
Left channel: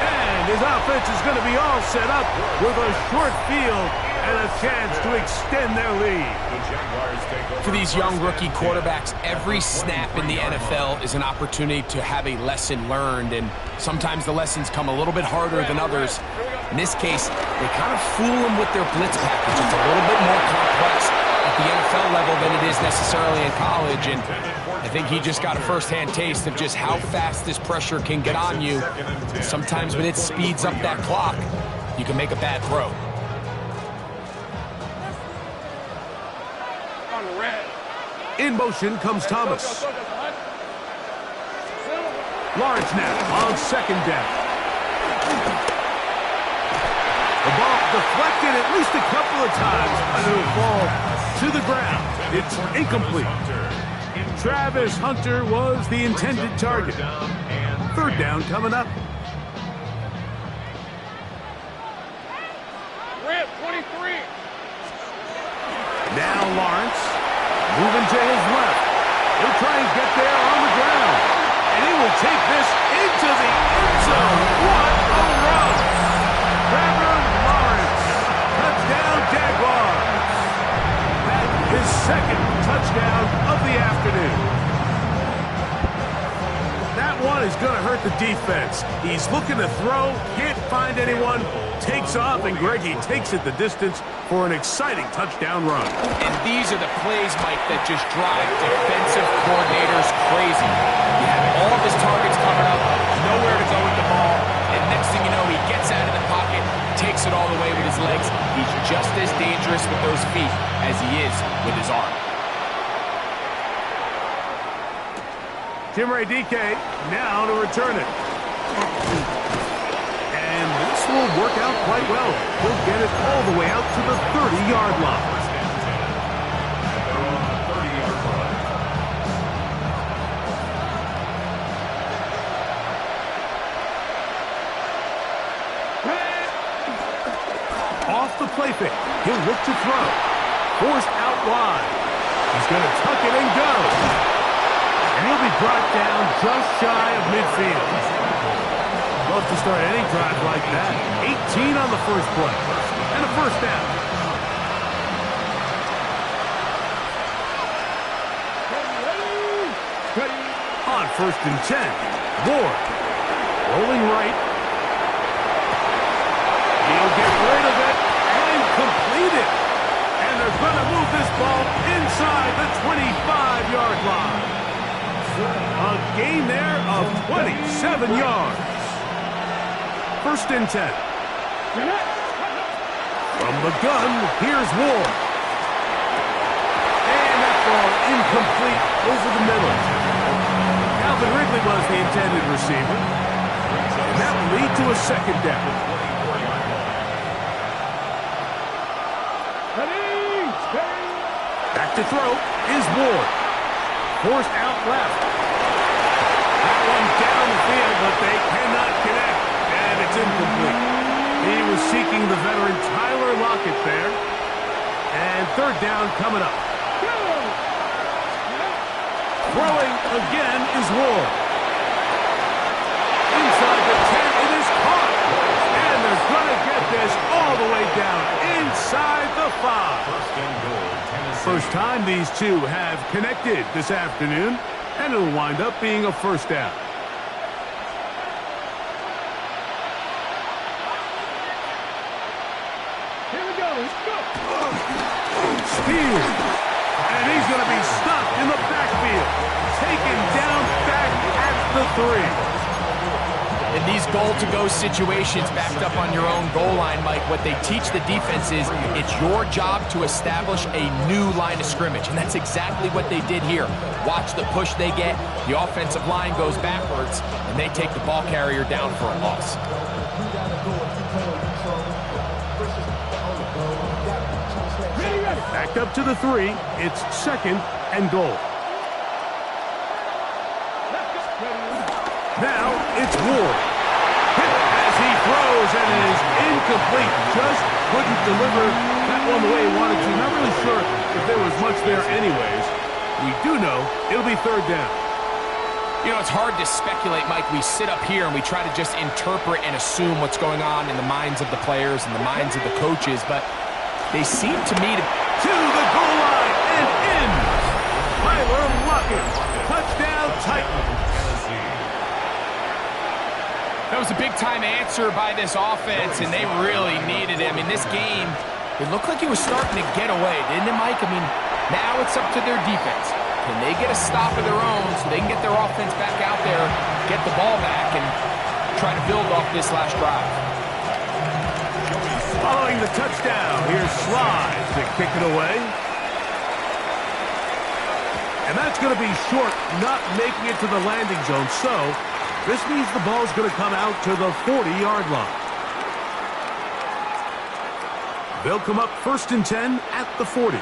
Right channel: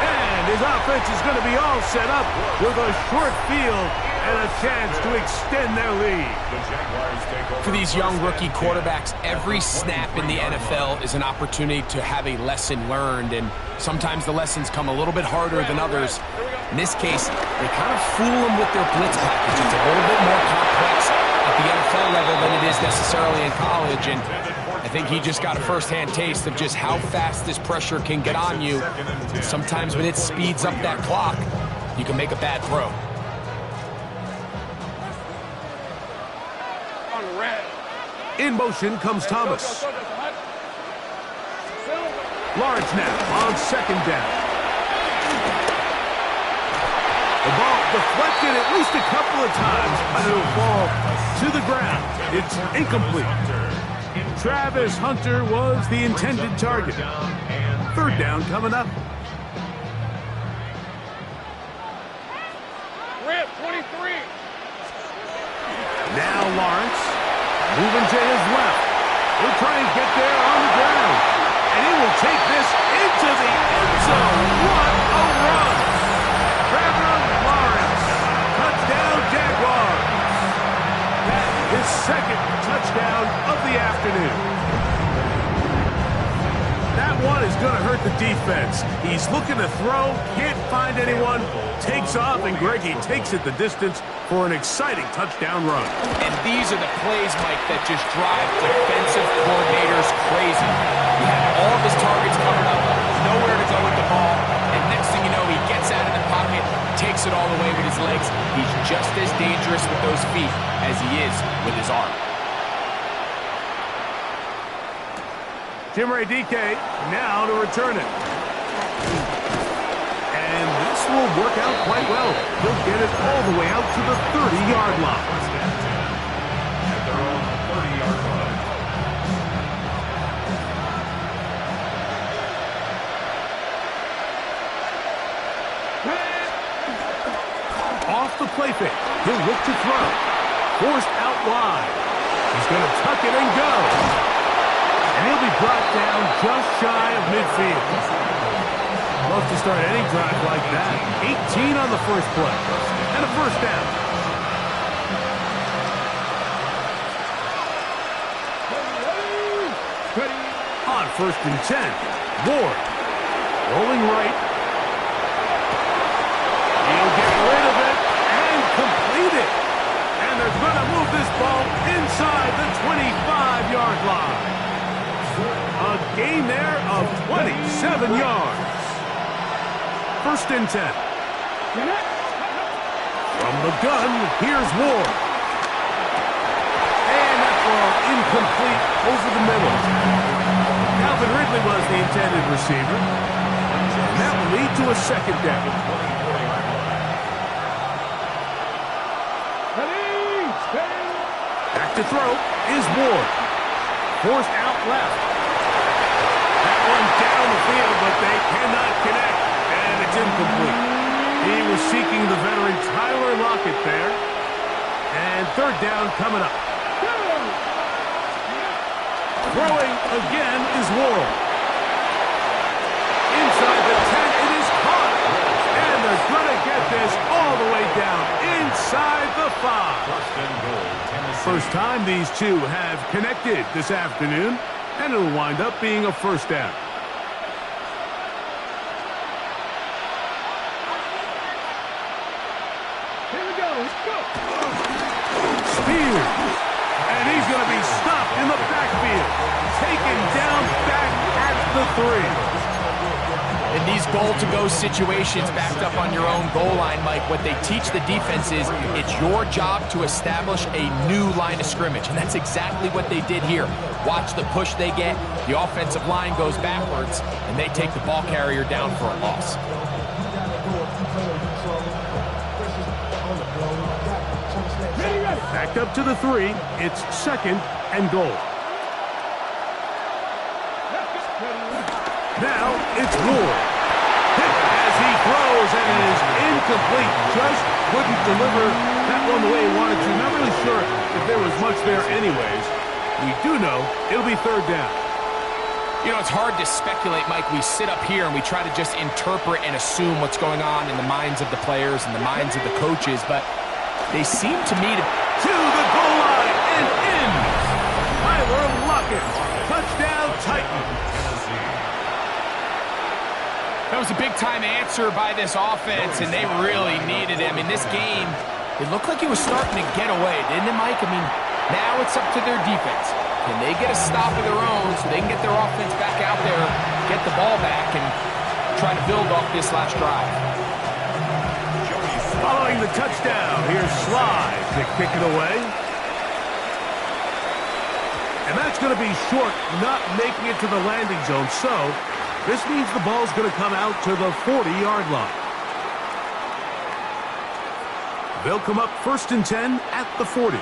And his offense is going to be all set up with a short field and a chance to extend their lead. For these young rookie quarterbacks, every snap in the NFL is an opportunity to have a lesson learned, and sometimes the lessons come a little bit harder than others. In this case, they kind of fool them with their blitz package. It's a little bit more complex at the NFL level than it is necessarily in college, and I think he just got a first-hand taste of just how fast this pressure can get on you. Sometimes when it speeds up that clock, you can make a bad throw. In motion comes Thomas. Lawrence now on second down. The ball deflected at least a couple of times, but it'll fall to the ground. It's incomplete. Travis Hunter was the intended target. Third down coming up. Rip, 23. Now Lawrence moving to his left. He'll try and get there on the ground. And he will take this into the end zone. What a run! Trevor Lawrence. Touchdown Jaguars. That is second touchdown of the afternoon. That one is going to hurt the defense. He's looking to throw, can't find anyone, takes off, and Greggy takes it the distance for an exciting touchdown run. And these are the plays, Mike, that just drive defensive coordinators crazy. He had all of his targets covered up, nowhere to go with the ball, and next thing you know, he gets out of the pocket, takes it all the way with his legs. He's just as dangerous with those feet as he is with his arm. Jimmy DK now to return it. And this will work out quite well. He'll get it all the way out to the 30-yard line. First and 10 at their own 30-yard line. Off the play fake. He'll look to throw. Forced out wide. He's going to tuck it and go. And he'll be brought down just shy of midfield. Love to start any drive like that. 18 on the first play. And a first down. On first and 10. Ward. Rolling right. He'll get rid of it and complete it. And they're going to move this ball inside the 25-yard line. A gain there of 27 yards. First and 10. From the gun, here's Ward. And that ball incomplete over the middle. Calvin Ridley was the intended receiver. And that will lead to a second down. Back to throw is Ward. Forced out left. That one down the field, but they cannot connect. And it's incomplete. He was seeking the veteran Tyler Lockett there. And third down coming up. Throwing again is Ward. Inside the 10, it is caught. And they're going to get this all the way down inside the 5. First and goal, Tennessee. First time these two have connected this afternoon, and it'll wind up being a first down. Here we go. Let's go. Spears. And he's going to be stopped in the backfield. Taken down back at the 3. In these goal-to-go situations backed up on your own goal line, Mike, what they teach the defense is it's your job to establish a new line of scrimmage, and that's exactly what they did here. Watch the push they get. The offensive line goes backwards, and they take the ball carrier down for a loss. Back up to the 3. It's 2nd and goal. Now it's Ward. Hit as he throws, and it is incomplete. Just couldn't deliver that one the way he wanted to. Not really sure if there was much there anyways. We do know it'll be 3rd down. You know, it's hard to speculate, Mike. We sit up here and we try to just interpret and assume what's going on in the minds of the players and the minds of the coaches, but they seem to me to the goal line and in. Tyler Lockett. Touchdown, Titans. That was a big-time answer by this offense, and they really needed him. In this game, it looked like he was starting to get away, didn't it, Mike? I mean, now it's up to their defense. Can they get a stop of their own so they can get their offense back out there, get the ball back, and try to build off this last drive? Following the touchdown, here's Sly to kick it away. And that's going to be short, not making it to the landing zone. So this means the ball's going to come out to the 40-yard line. They'll come up 1st and 10 at the 40.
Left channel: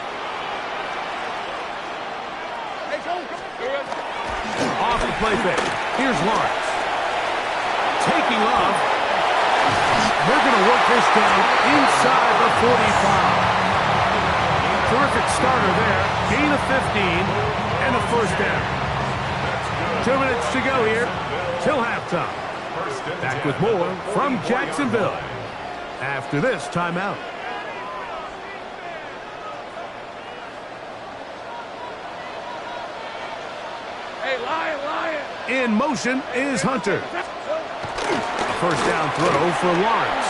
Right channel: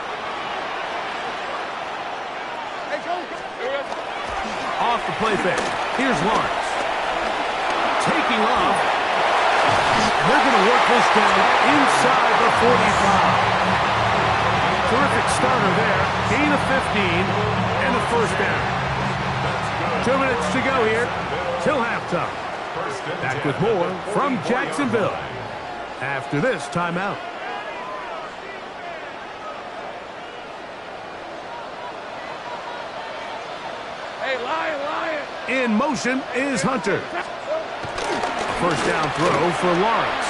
Off the play fake. Here's Lawrence. Taking off. They're going to work this down inside the 45. Terrific starter there. Gain of 15 and a 1st down. 2 minutes to go here till halftime. Back with more from Jacksonville after this timeout. Hey, Lion! In motion is Hunter. A 1st down throw for Lawrence.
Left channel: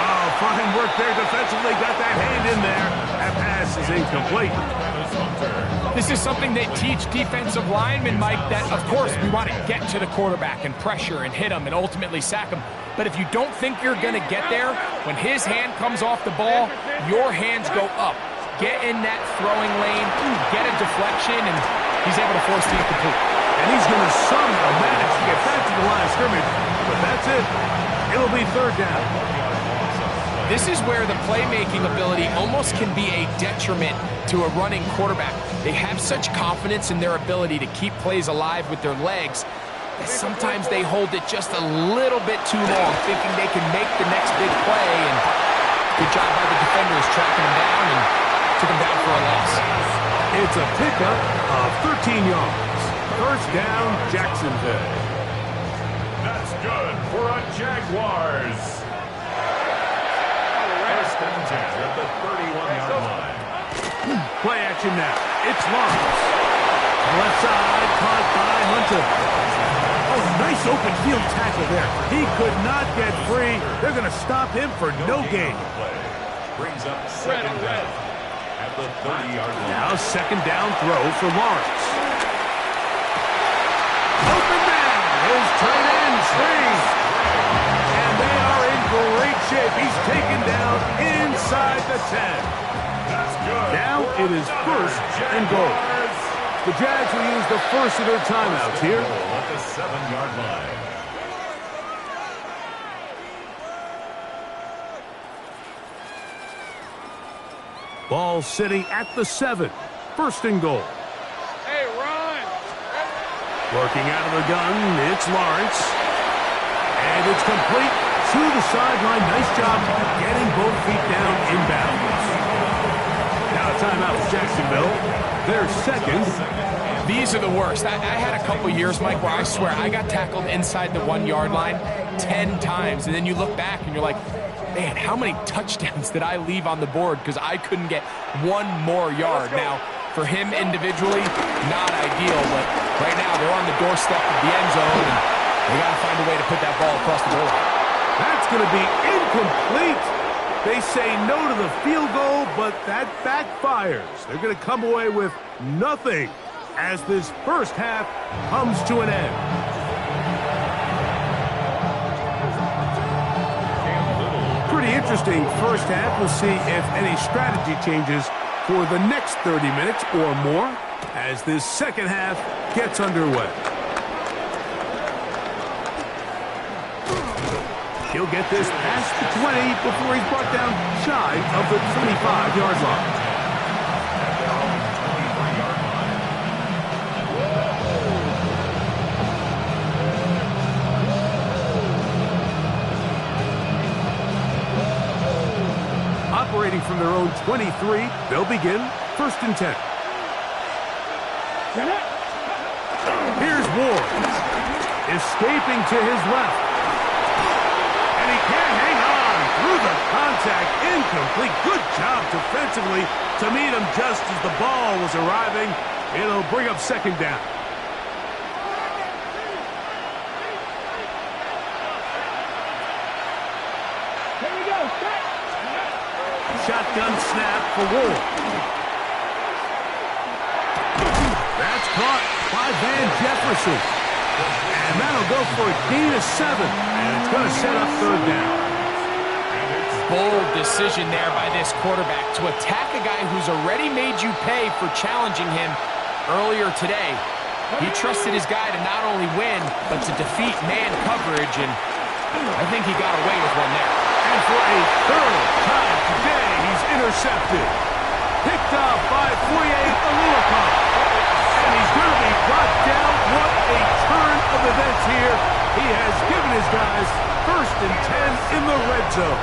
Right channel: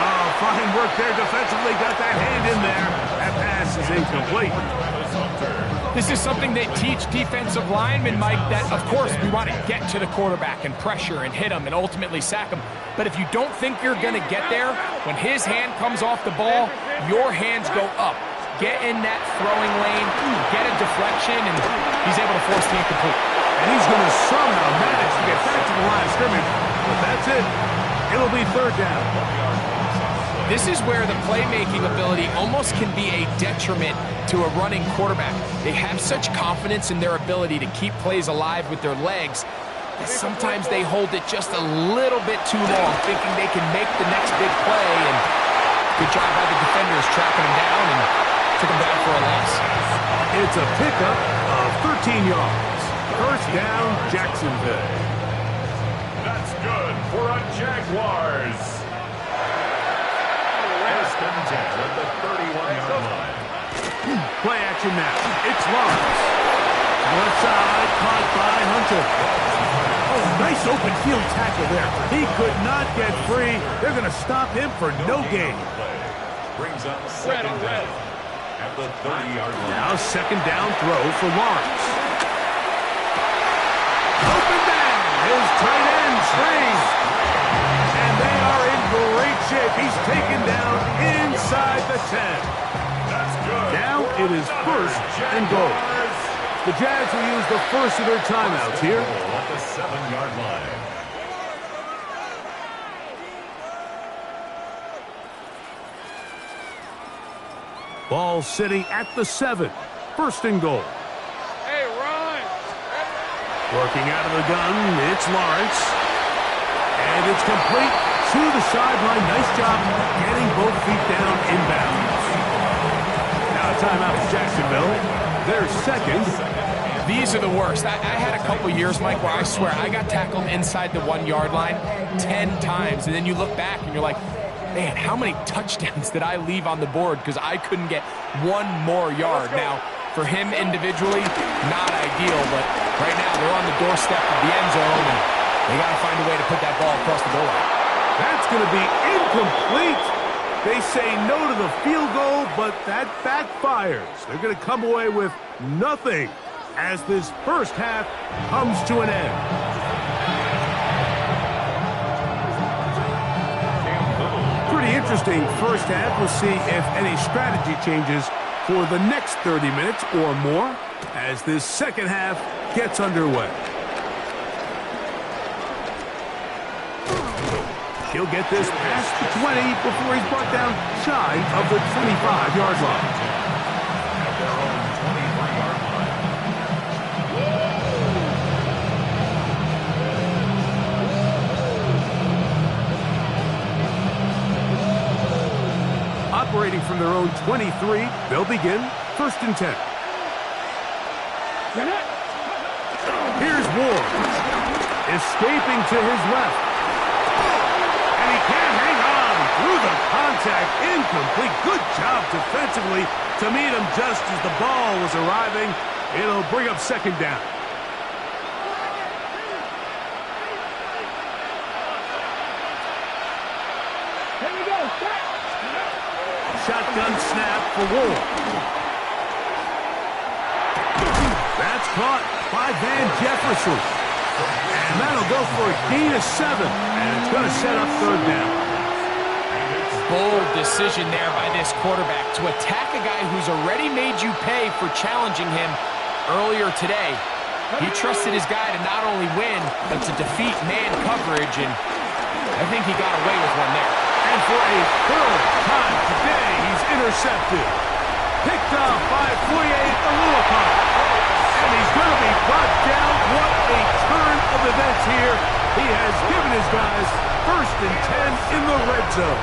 Oh, fine work there defensively. Got that hand in there. That pass is incomplete. This is something they teach defensive linemen, Mike, that, of course, we want to get to the quarterback and pressure and hit him and ultimately sack him. But if you don't think you're going to get there, when his hand comes off the ball, your hands go up. Get in that throwing lane, get a deflection, and he's able to force the incomplete. And he's going to somehow manage to get back to the line of scrimmage, but that's it. It'll be 3rd down. This is where the playmaking ability almost can be a detriment to a running quarterback. They have such confidence in their ability to keep plays alive with their legs that sometimes they hold it just a little bit too long, thinking they can make the next big play, and good job by the defenders tracking him down and took him down for a loss. It's a pickup of 13 yards. 1st down, Jacksonville. That's good for a Jaguars. 1st and 10 at the 31-yard line. Play action now. It's Lawrence. Left side, caught by Hunter. Oh, nice open field tackle there. He could not get free. They're going to stop him for no gain. Brings up 2nd down at the 30-yard line. Now 2nd down throw for Lawrence. Open man. His tight end swings. And they are in great shape. He's taken down inside the 10. That's good. Now it is 1st and goal. The Jags will use the first of their timeouts here. At the 7-yard line. Ball sitting at the 7. 1st and goal. Hey, run! Working out of the gun, it's Lawrence. And it's complete to the sideline. Nice job getting both feet down inbounds. Now a timeout for Jacksonville. Their 2nd. These are the worst. I had a couple years, Mike, where I swear I got tackled inside the 1-yard line 10 times. And then you look back and you're like, man, how many touchdowns did I leave on the board because I couldn't get one more yard? Now, for him individually, not ideal, but right now they're on the doorstep of the end zone, and they got to find a way to put that ball across the goal line. That's going to be incomplete. They say no to the field goal, but that backfires. They're going to come away with nothing as this first half comes to an end. interesting first half. We'll see if any strategy changes for the next 30 minutes or more as this second half gets underway. He'll get this past the 20 before he's brought down shy of the 25-yard line. At their own 23-yard line. Operating from their own 23, they'll begin 1st and 10. Here's Ward, escaping to his left. And he can't hang on through the contact. Incomplete. Good job defensively to meet him just as the ball was arriving. It'll bring up 2nd down. Here we go. Shotgun snap for Ward. That's caught by Van Jefferson. And that'll go for a gain of 7. And it's going to set up 3rd down. Bold decision there by this quarterback to attack a guy who's already made you pay for challenging him earlier today. He trusted his guy to not only win, but to defeat man coverage, and I think he got away with one there. And for a 3rd time today, he's intercepted. Picked up by Foye Oluokun. And he's going to be brought down. What a turn of events here. He has given his guys 1st and 10 in the red zone.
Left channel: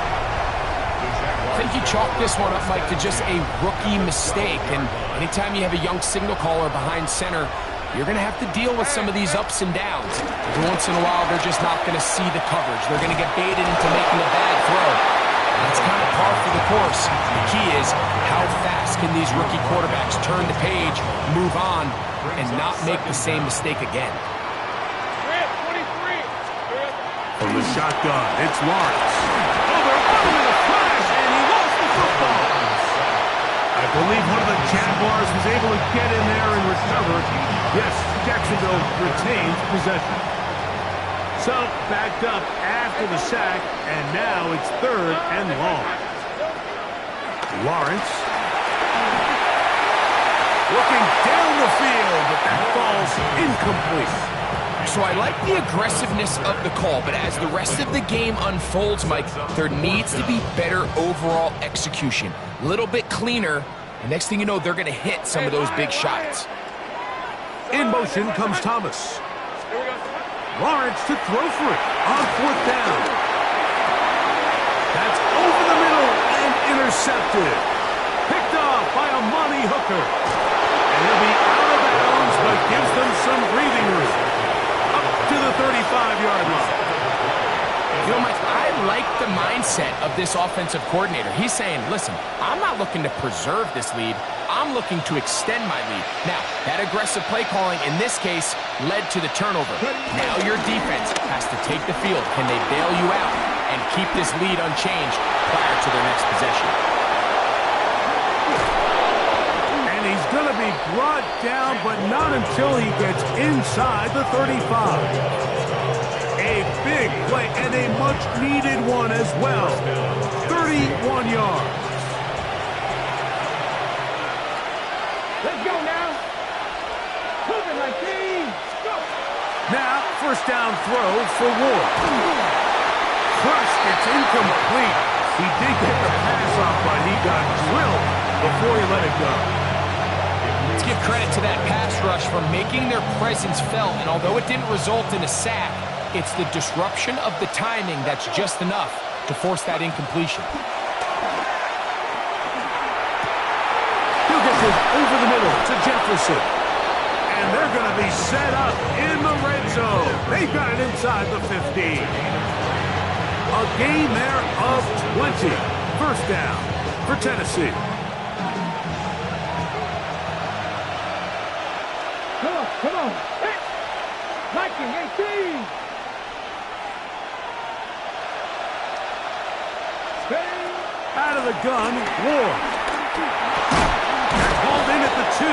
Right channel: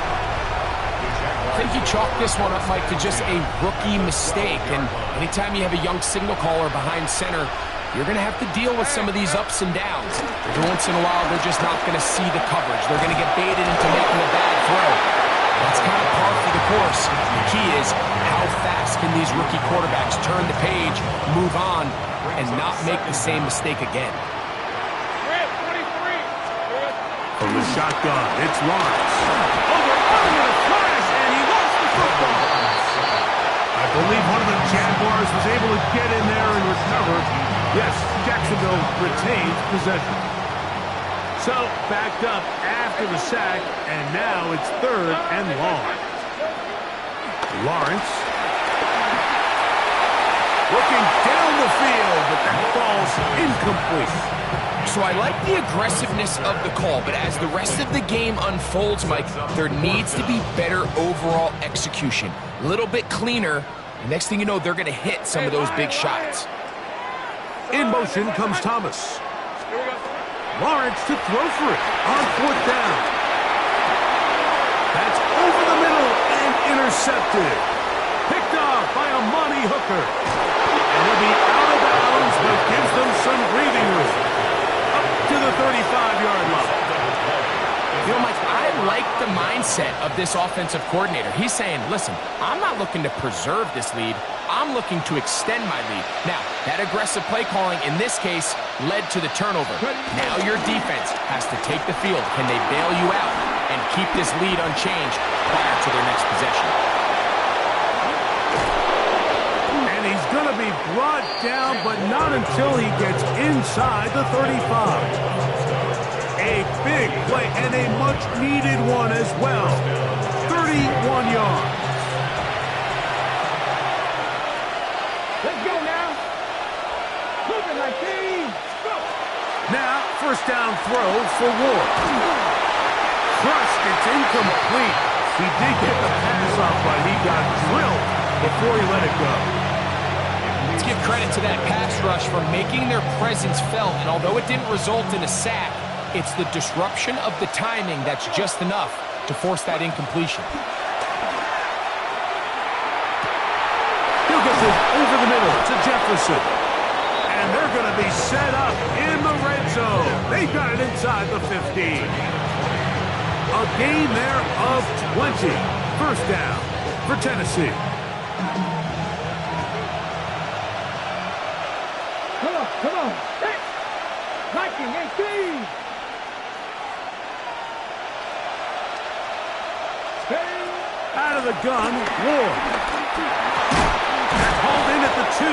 I think he chalked this one up, Mike, to just a rookie mistake. And anytime you have a young signal caller behind center, you're going to have to deal with some of these ups and downs. Every once in a while, they're just not going to see the coverage. They're going to get baited into making a bad throw. That's kind of par for the course. The key is how fast can these rookie quarterbacks turn the page, move on, and not make the same mistake again. From the shotgun, it's Lawrence. Oh, they're on him in a flash, and he lost the football. I believe one of the Jaguars was able to get in there and recover. Yes, Jacksonville retains possession. So, backed up after the sack, and now it's 3rd and long. Lawrence looking down the field, but that ball's incomplete. So I like the aggressiveness of the call, but as the rest of the game unfolds, Mike, there needs to be better overall execution. A little bit cleaner, and next thing you know, they're going to hit some of those big shots. In motion comes Thomas. Lawrence to throw for it on 4th down. That's over the middle and intercepted. Picked off by Amani Hooker. And he'll be out of bounds, but gives them some breathing room. Up to the 35-yard line. You know, Mike, I like the mindset of this offensive coordinator. He's saying, listen, I'm not looking to preserve this lead. I'm looking to extend my lead. Now, that aggressive play calling in this case led to the turnover. Now your defense has to take the field. Can they bail you out and keep this lead unchanged prior to their next possession? And he's going to be brought down, but not until he gets inside the 35. A big play and a much-needed one as well. 31 yards. Let's go now. Moving like thieves. Go. Now, 1st down throw for Ward. Crushed, it's incomplete. He did get the pass off, but he got drilled before he let it go. Let's give credit to that pass rush for making their presence felt, and although it didn't result in a sack, it's the disruption of the timing that's just enough to force that incompletion. He'll get this over the middle to Jefferson. And they're going to be set up in the red zone. They've got it inside the 15. A gain there of 20. 1st down for Tennessee. Come on. Hey. Viking 18. Out of the gun, Ward. They're called in at the 2.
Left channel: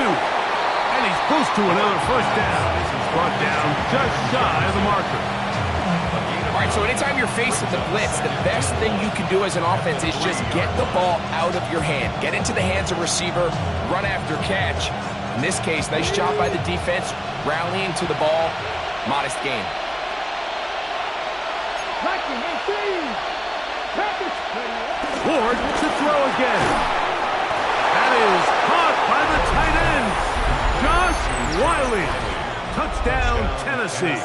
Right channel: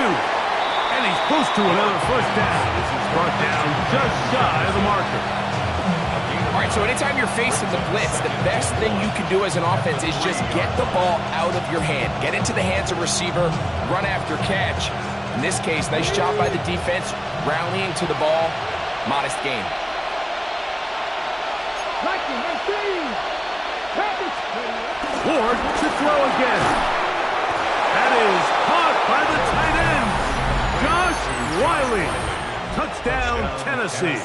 And he's close to another 1st down. This is brought down just shy of the marker. A gain of All right, so anytime you're facing the blitz, the best thing you can do as an offense is just get the ball out of your hand. Get into the hands of receiver, run after catch. In this case, nice job by the defense, rallying to the ball. Modest gain. Ward to throw again. That is caught by the tight end, Josh Wiley. Touchdown, Tennessee.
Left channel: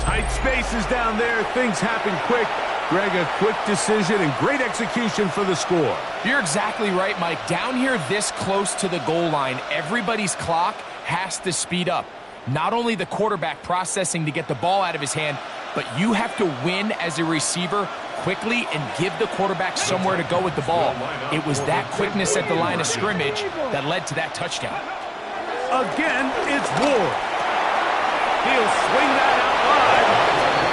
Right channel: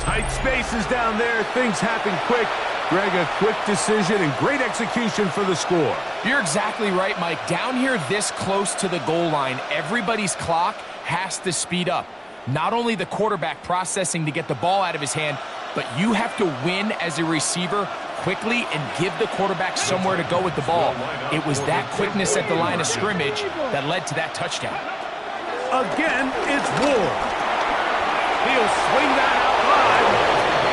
Tight spaces down there. Things happen quick. Greg, a quick decision and great execution for the score. You're exactly right, Mike. Down here this close to the goal line, everybody's clock has to speed up. Not only the quarterback processing to get the ball out of his hand, but you have to win as a receiver quickly and give the quarterback somewhere to go with the ball. It was that quickness at the line of scrimmage that led to that touchdown. Again, it's Ward. He'll swing that out wide,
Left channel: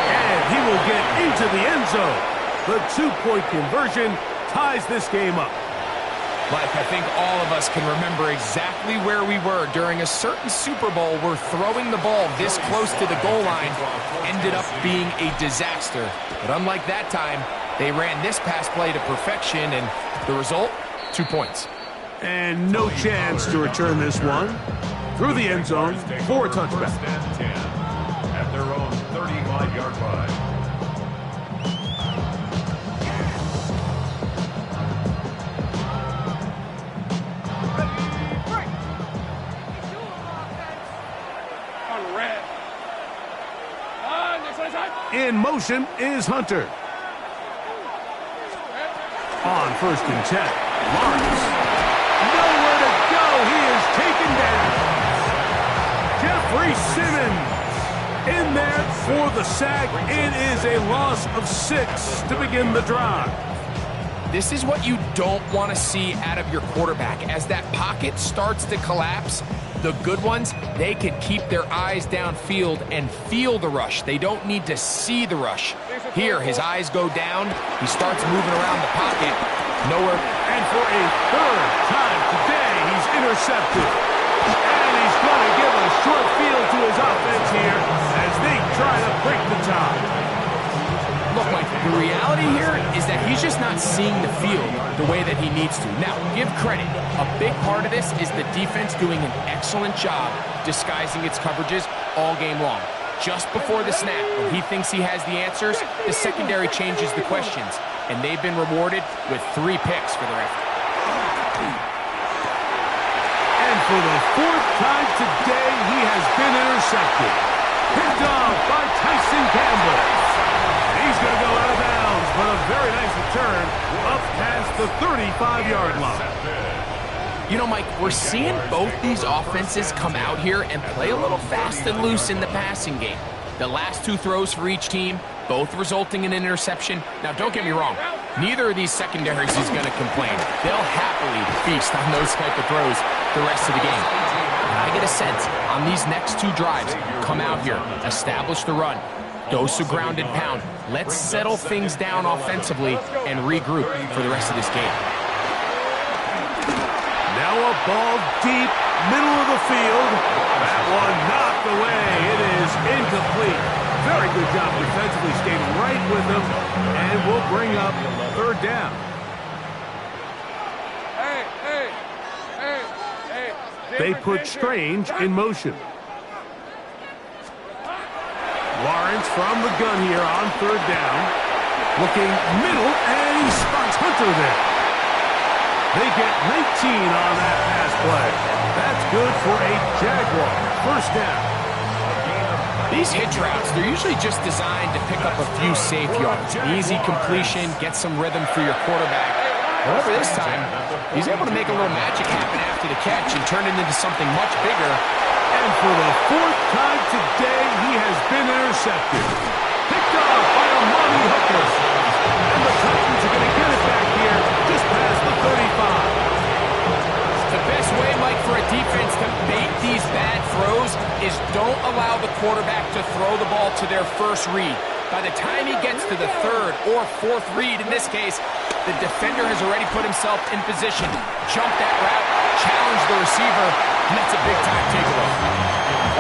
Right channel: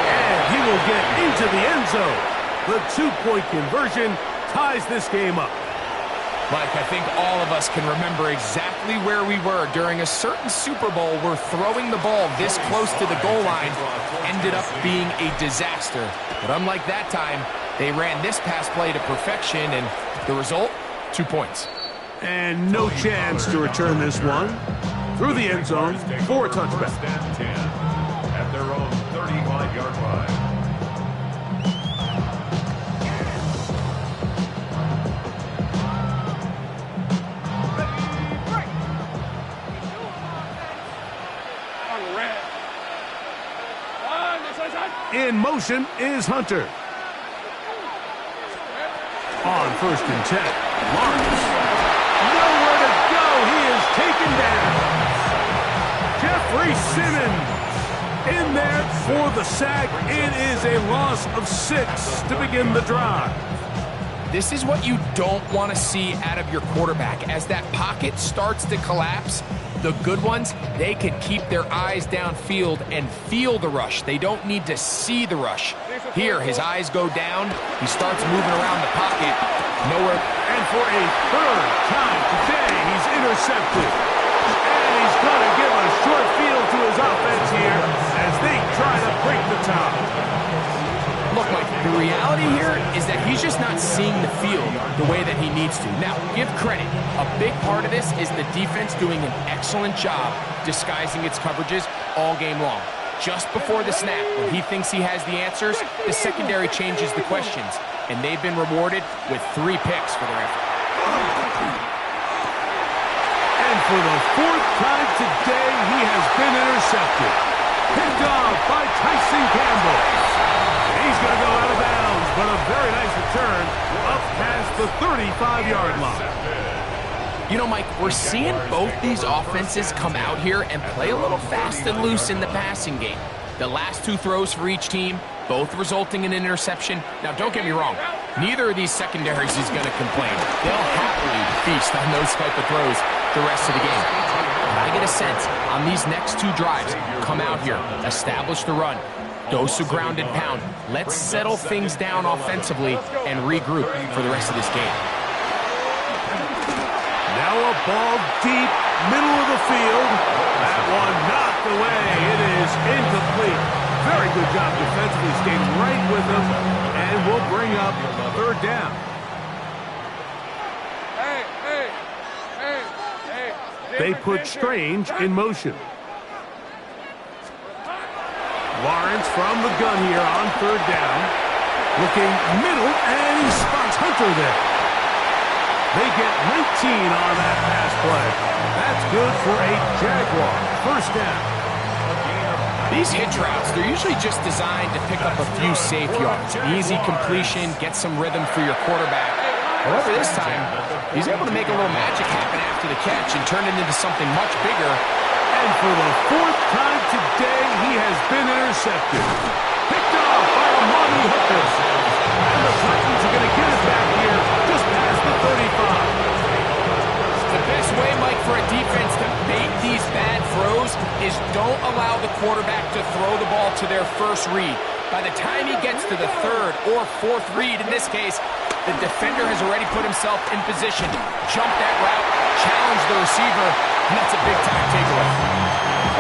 and he will get into the end zone. The two-point conversion ties this game up. Mike, I think all of us can remember exactly where we were during a certain Super Bowl where throwing the ball this close to the goal line ended up being a disaster. But unlike that time, they ran this pass play to perfection, and the result, 2 points. And no chance to return this one. Through the end zone for a touchback. At their own 35-yard line. In motion is Hunter. On 1st and 10, Lawrence. Nowhere to go. He is taken down. Jeffrey Simmons in there for the sack. It is a loss of 6 to begin the drive. This is what you don't want to see out of your quarterback. As that pocket starts to collapse, the good ones, they can keep their eyes downfield and feel the rush. They don't need to see the rush. Here, his eyes go down. He starts moving around the pocket. Nowhere. And for a third time today, he's intercepted. And he's going to give a short field to his offense here as they try to break the tie. Look, Mike, the reality here is that he's just not seeing the field the way that he needs to. Now, give credit. A big part of this is the defense doing an excellent job disguising its coverages all game long. Just before the snap, when he thinks he has the answers, the secondary changes the questions, and they've been rewarded with 3 picks for their effort. And for the 4th time today, he has been intercepted. Picked off by Tyson Campbell. He's going to go out of bounds, but a very nice return up past the 35-yard line. You know, Mike, we're seeing both these offenses come out here and play a little fast and loose in the passing game. The last 2 throws for each team, both resulting in an interception. Now, don't get me wrong. Neither of these secondaries is going to complain. They'll happily feast on those type of throws the rest of the game. But I get a sense on these next 2 drives, come out here, establish the run, dose of ground and pound. Let's settle things down offensively and regroup for the rest of this game. Now a ball deep, middle of the field. That one knocked away. It is incomplete. Very good job defensively. Stayed right with him, and will bring up 3rd down. They put Strange in motion. Lawrence from the gun here on 3rd down. Looking middle, and he spots Hunter there. They get 19 on that pass play. That's good for a Jaguar 1st down. These hitch routes, they're usually just designed to pick up a few safe yards. Easy completion, get some rhythm for your quarterback. However, this time, he's able to make a little magic happen after the catch and turn it into something much bigger. And for the 4th time today, he has been intercepted. Picked off by Amani Hooker. And the Titans are going to get it back here just past the 35. The best way, Mike, for a defense to bait these bad throws is don't allow the quarterback to throw the ball to their first read. By the time he gets to the 3rd or 4th read, in this case, the defender has already put himself in position, jump that route, challenge the receiver, and that's a big-time takeaway.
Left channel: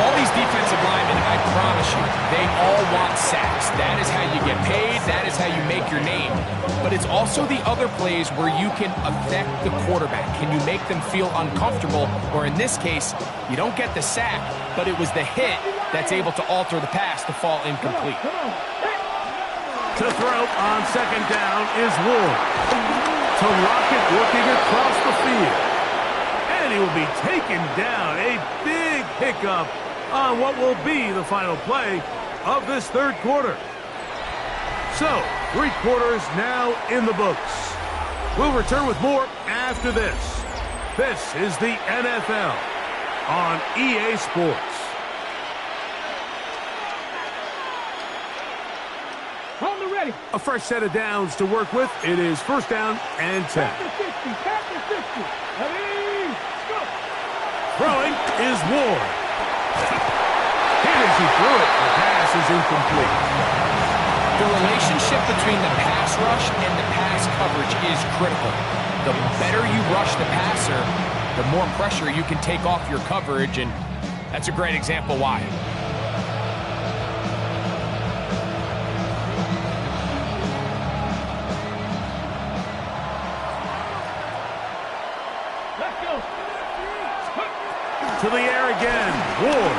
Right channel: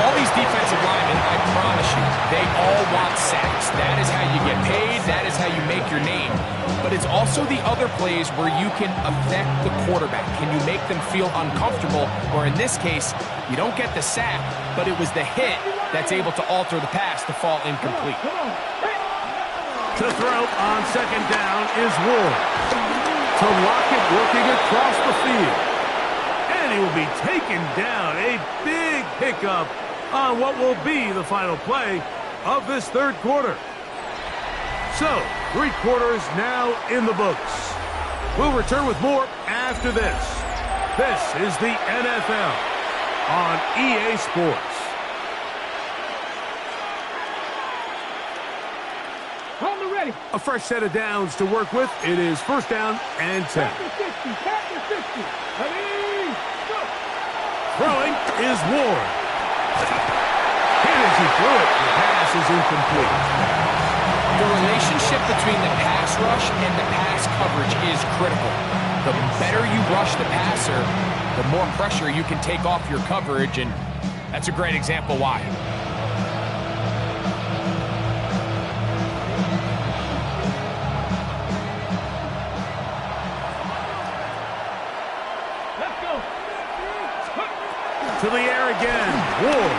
All these defensive linemen, I promise issue. They all want sacks. That is how you get paid. That is how you make your name. But it's also the other plays where you can affect the quarterback. Can you make them feel uncomfortable? Or in this case, you don't get the sack, but it was the hit that's able to alter the pass to fall incomplete. To throw on second down is Ward. To Lockett working across the field. And he will be taken down. A big pickup on what will be the final play of this third quarter. So, 3 quarters now in the books. We'll return with more after this. This is the NFL on EA Sports. On the ready. A fresh set of downs to work with. It is first down and 10. Back to 60. Back to 60. Ready, go. Throwing is Ward. Hit as he threw it. The pass is incomplete. The relationship between the pass rush and the pass coverage is critical. The better you rush the passer, the more pressure you can take off your coverage, and that's a great example why. Let's go. To the air again. Ward.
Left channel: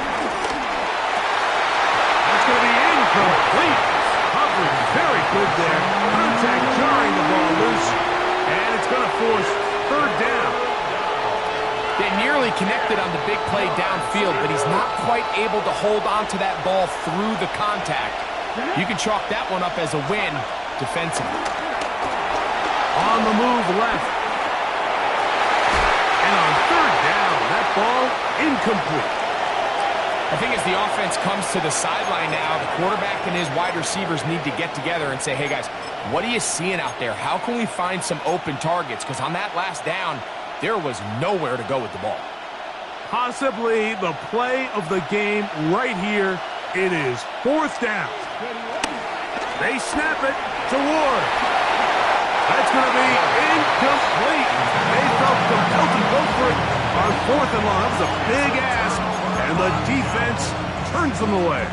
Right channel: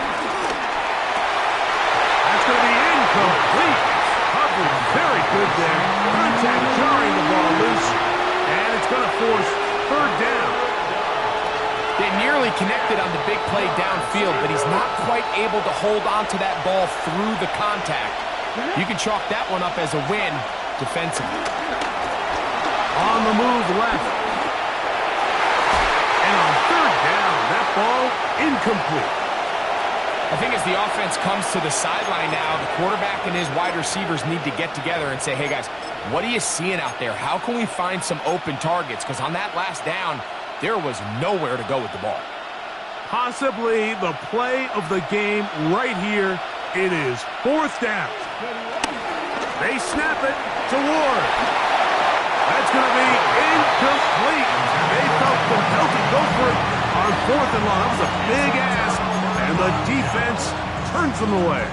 That's going to be incomplete. Coverage very good there. Contact jarring the ball loose. And it's going to force third down. They nearly connected on the big play downfield, but he's not quite able to hold on to that ball through the contact. You can chalk that one up as a win defensively. On the move left. And on third down, that ball incomplete. I think as the offense comes to the sideline now, the quarterback and his wide receivers need to get together and say, hey guys, what are you seeing out there? How can we find some open targets? Because on that last down, there was nowhere to go with the ball. Possibly the play of the game right here. It is fourth down. They snap it to Ward. That's going to be incomplete. They felt compelled to go for it on fourth and long. That was a big ask, and the defense turns them away.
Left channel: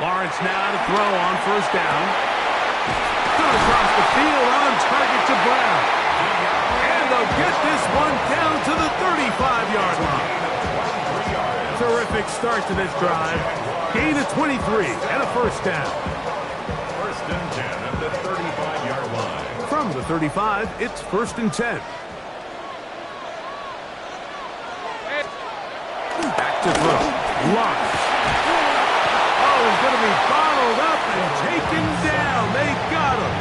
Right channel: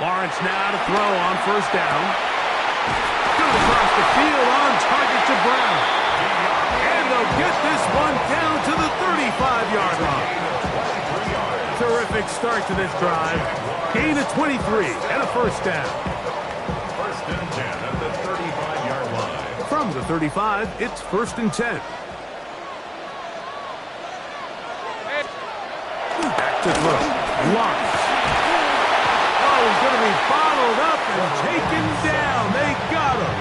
Lawrence now to throw on first down. Thrown across the field on target to Brown. And they'll get this one down to the 35-yard line. Terrific start to this drive. Gain of 23 and a first down. First and 10 at the 35-yard line. From the 35, it's first and 10. Back to throw. Lawrence. Oh, he's going to be bottled up and taken down. They got him.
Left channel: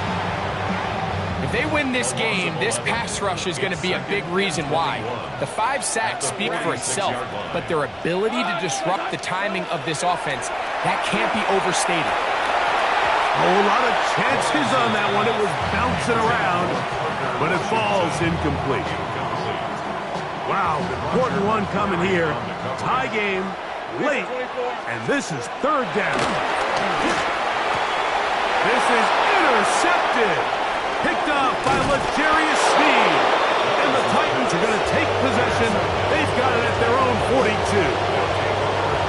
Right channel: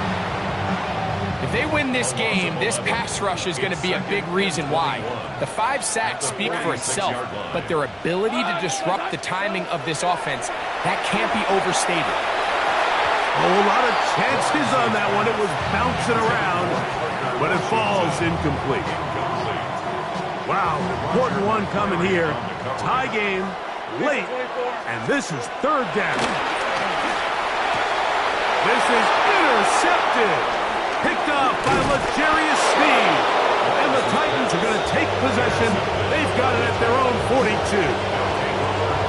If they win this game, this pass rush is going to be a big reason why. The 5 sacks speak for itself, but their ability to disrupt the timing of this offense, that can't be overstated. Oh, a lot of chances on that one. It was bouncing around, but it falls incomplete. Wow, important one coming here. Tie game. Late, and this is third down. This is intercepted. Picked off by L'Jarius Sneed. And the Titans are going to take possession. They've got it at their own 42.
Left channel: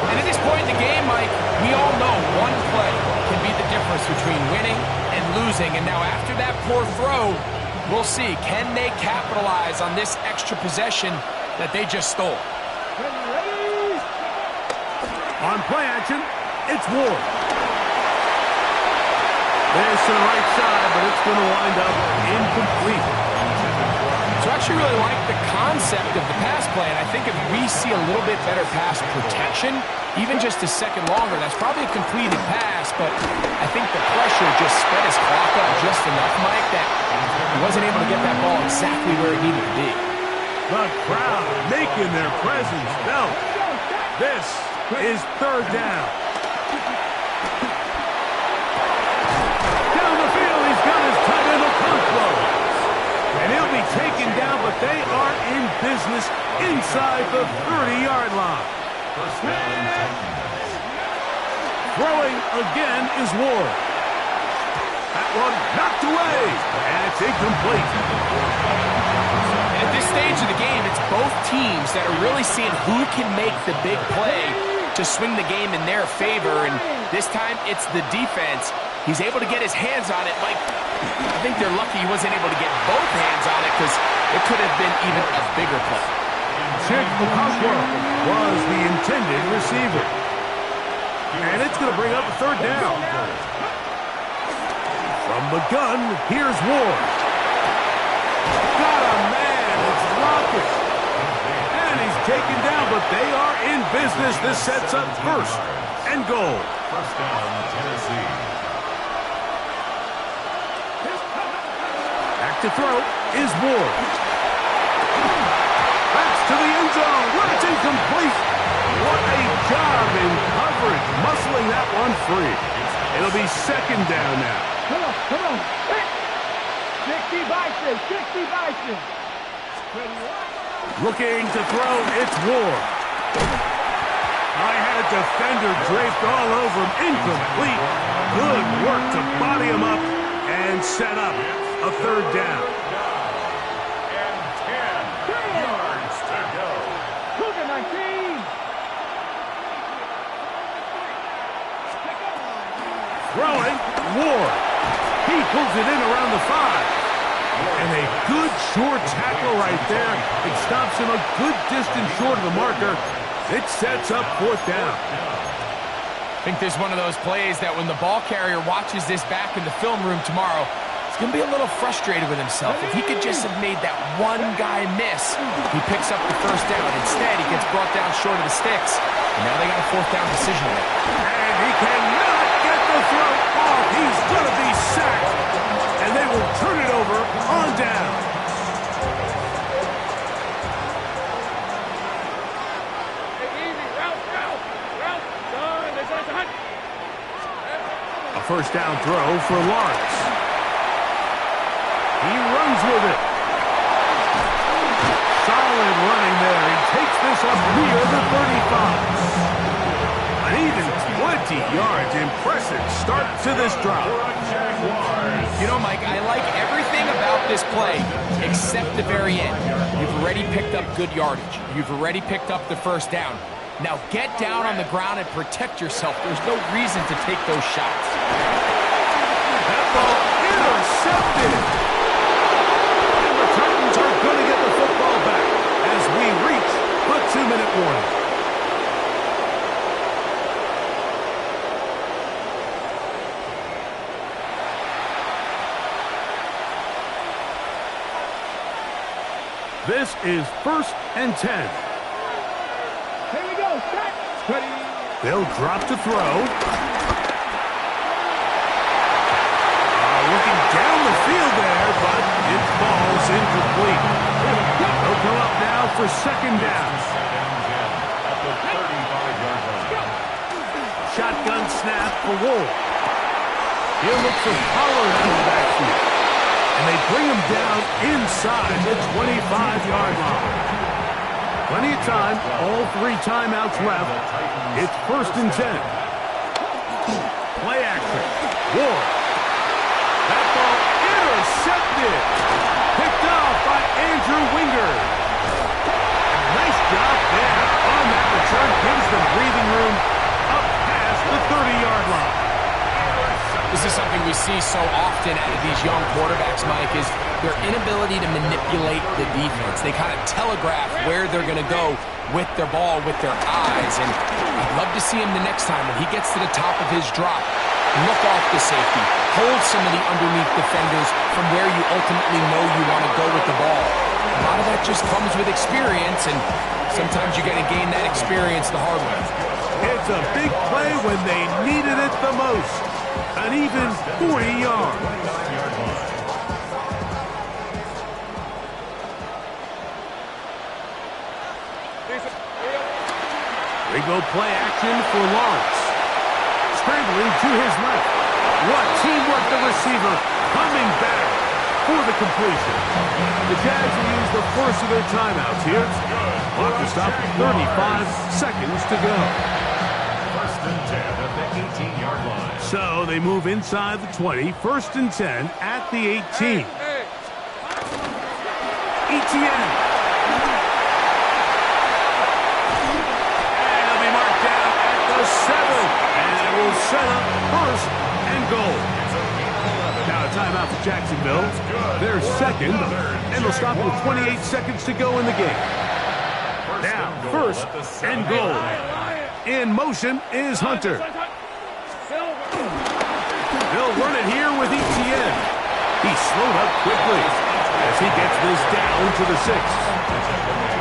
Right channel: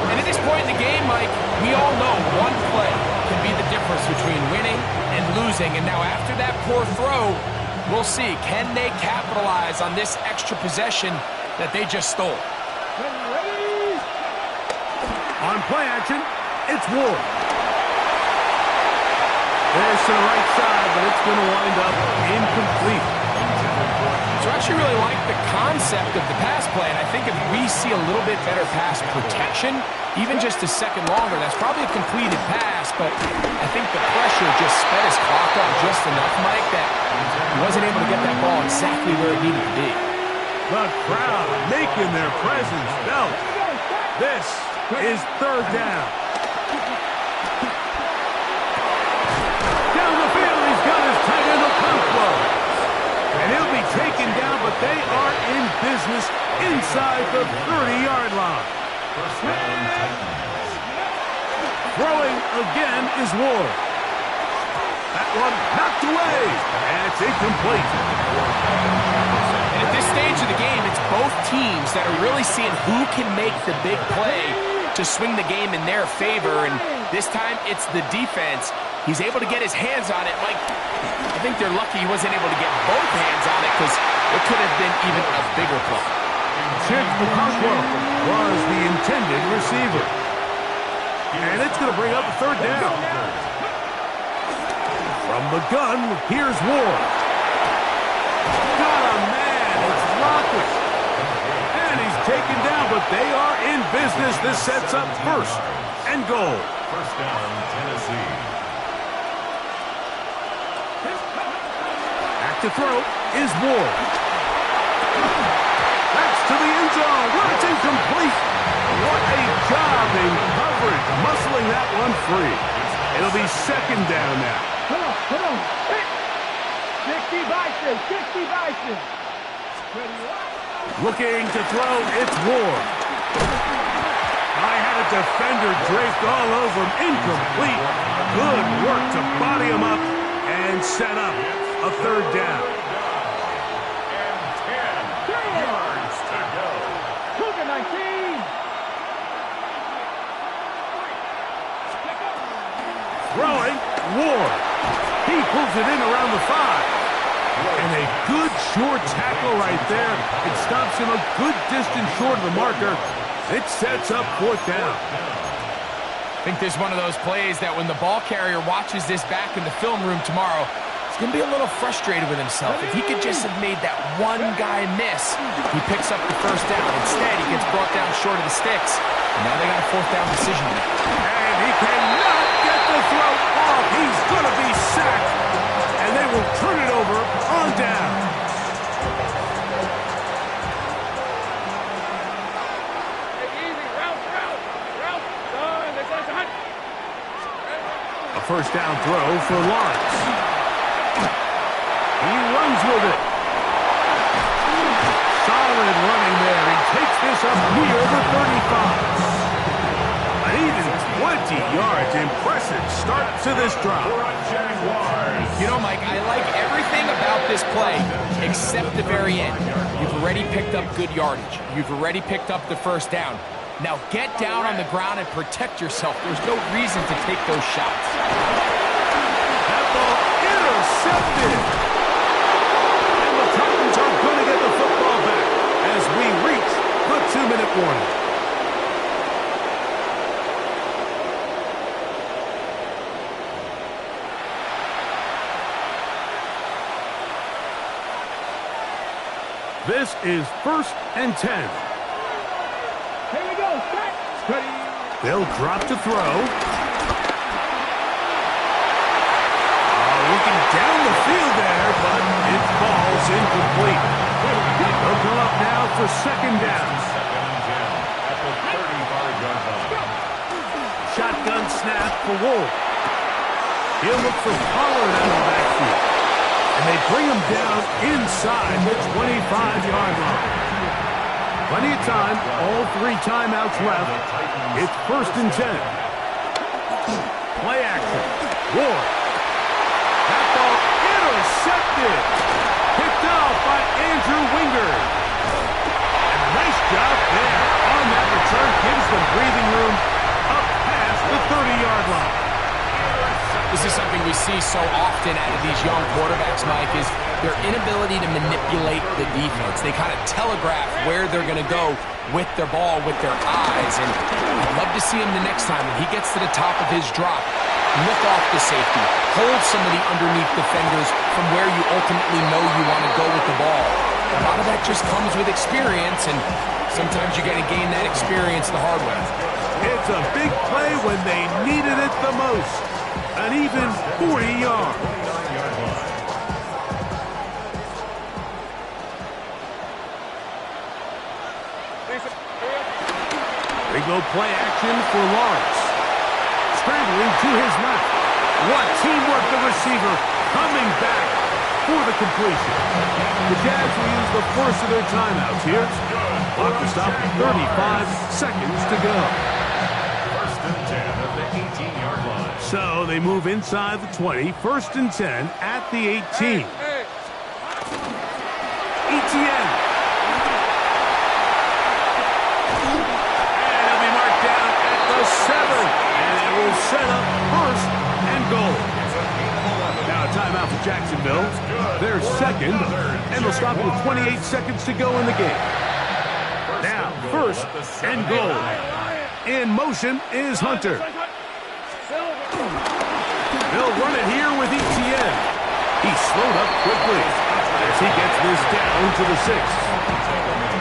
And at this point in the game, Mike, we all know one play can be the difference between winning and losing. And now after that poor throw, we'll see, can they capitalize on this extra possession that they just stole? On play action, it's Ward. This to the right side, but it's going to wind up incomplete. So I actually really like the concept of the pass play, and I think if we see a little bit better pass protection, even just a second longer, that's probably a completed pass, but I think the pressure just sped his clock up just enough, Mike, that he wasn't able to get that ball exactly where it needed to be. The crowd making their presence felt. This is third down. Down the field, he's got his tight end Okonkwo. And he'll be taken down, but they are in business inside the 30-yard line. First down. Throwing again is Ward. That one knocked away, and it's incomplete. And at this stage of the game, it's both teams that are really seeing who can make the big play to swing the game in their favor, and this time it's the defense. He's able to get his hands on it. Mike, I think they're lucky he wasn't able to get both hands on it because it could have been even a bigger play. Chip Okonkwo was the intended receiver. And it's going to bring up a third down. From the gun, here's Ward. Got a man, it's Rocket. And he's taken down, but they are in business. This sets up first and goal. First down, Tennessee. Back to throw is Ward. That's to the end zone. Well, it's incomplete. What a job in coverage, muscling that one free. It'll be second down now. Come on. 60 Bison, 60 Bison. Looking to throw, it's Ward. I had a defender draped all over him. Incomplete. Good work to body him up and set up a third down. And 10 yards to go. Cougar 19. Throwing, Ward. He pulls it in around the 5. And a good short tackle right there. It stops him a good distance short of the marker. It sets up fourth down. I think there's one of those plays that when the ball carrier watches this back in the film room tomorrow, he's going to be a little frustrated with himself. If he could just have made that one guy miss, he picks up the first down. Instead, he gets brought down short of the sticks. And now they got a fourth down decision to make. And he cannot get the throw off. He's going to be sacked. And they will turn it over on down. A first down throw for Lawrence. He runs with it. Solid running there. He takes this up near the 35. An even 20 yards. Impressive start to this drive. You know, Mike, I like everything about this play except the very end. You've already picked up good yardage. You've already picked up the first down. Now get down on the ground and protect yourself. There's no reason to take those shots. That ball intercepted. And the Titans are going to get the football back as we reach the 2-minute warning. This is 1st and 10. Here we go. Set. Ready. They'll drop to throw. Looking down the field there, but it falls incomplete. They'll come up now for second down. Second and 10 at the 35-yard line. Shotgun snap for Wolf. He'll look for Pollard out of the backfield. And they bring him down inside the 25-yard line. Plenty of time, all 3 timeouts left. It's 1st and 10. Play action. Ward. That ball intercepted. Picked off by Andrew Wingard. And a nice job there on that return. Gives them breathing room up past the 30-yard line. This is something we see so often out of these young quarterbacks, Mike, is their inability to manipulate the defense. They kind of telegraph where they're going to go with their ball, with their eyes. And I'd love to see him the next time when he gets to the top of his drop. Look off the safety. Hold some of the underneath defenders from where you ultimately know you want to go with the ball. A lot of that just comes with experience, and sometimes you're going to gain that experience the hard way. It's a big play when they needed it the most. An even 40 yards. They go play action for Lawrence. Scrambling to his left. What teamwork, the receiver coming back for the completion. The Jags will use the first of their timeouts here. Clock will stop at 35 seconds to go. 1st and 10 at the 18-yard line. So they move inside the 20, 1st and 10 at the 18. Etienne. And he'll be marked down at the 7. And it will set up 1st and goal. Now a timeout for Jacksonville. They're second, and they'll stop with 28 seconds to go in the game. Now, 1st and goal. In motion is Hunter. They'll run it here with Etienne. He's slowed up quickly as he gets this down to the 6.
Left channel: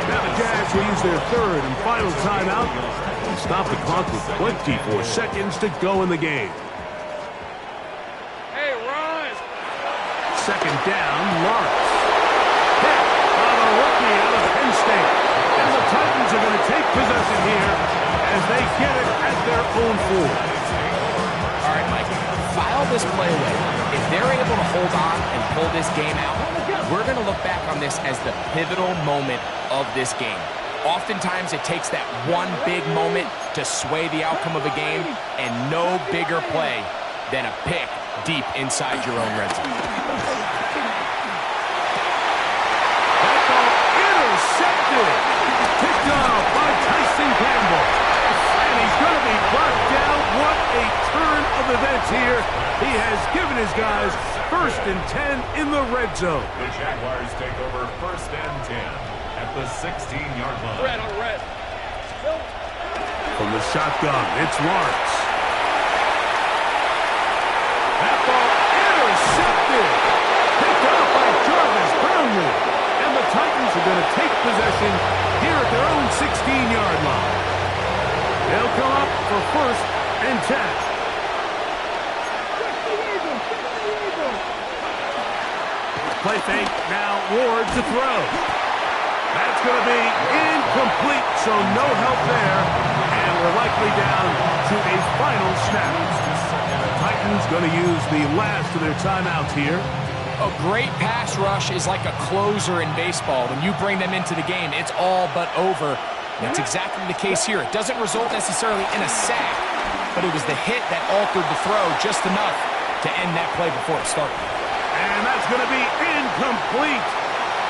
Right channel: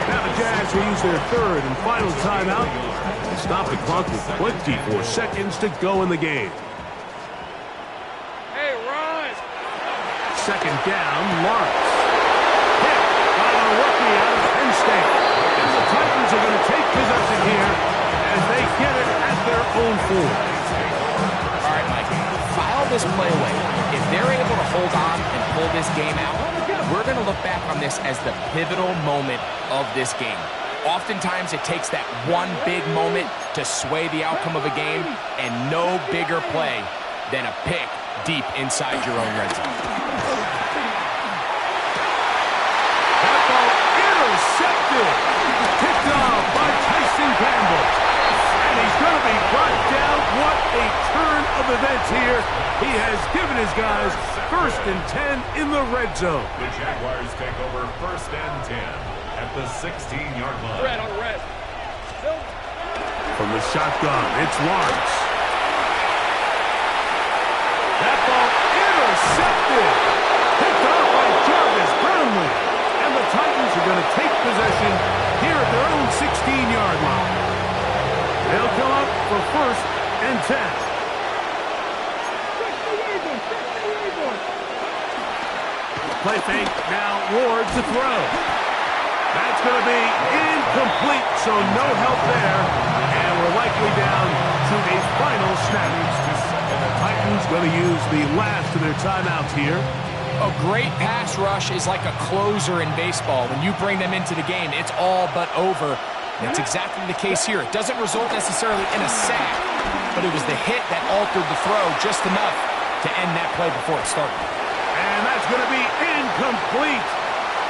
Now the Jags will use their 3rd and final timeout and stop the clock with 24 seconds to go in the game. Hey, Ron! 2nd down, Lawrence. Hit by the rookie out of Penn State. And the Titans are going to take possession here as they get it at their own 4. All right, Mike, file this play away. If they're able to hold on and pull this game out, we're going to look back on this as the pivotal moment of this game. Oftentimes, it takes that one big moment to sway the outcome of a game, and no bigger play than a pick deep inside your own red zone. That ball intercepted. Picked off by Tyson Campbell. And he's going to be brought down. What a turn of events here. He has given his guys 1st and 10 in the red zone. The Jaguars take over 1st and 10 at the 16-yard line. Red on red. From the shotgun, it's Lawrence. That ball intercepted. Picked off by Jarvis Brownlee. And the Titans are going to take possession here at their own 16-yard line. They'll come up for 1st and 10. Play fake, now Ward to throw. That's going to be incomplete, so no help there. And we're likely down to a final snap. The Titans going to use the last of their timeouts here. A great pass rush is like a closer in baseball. When you bring them into the game, it's all but over. That's exactly the case here. It doesn't result necessarily in a sack, but it was the hit that altered the throw just enough to end that play before it started. And that's going to be incomplete.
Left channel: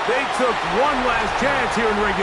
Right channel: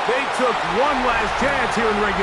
They took one last chance here in regulation.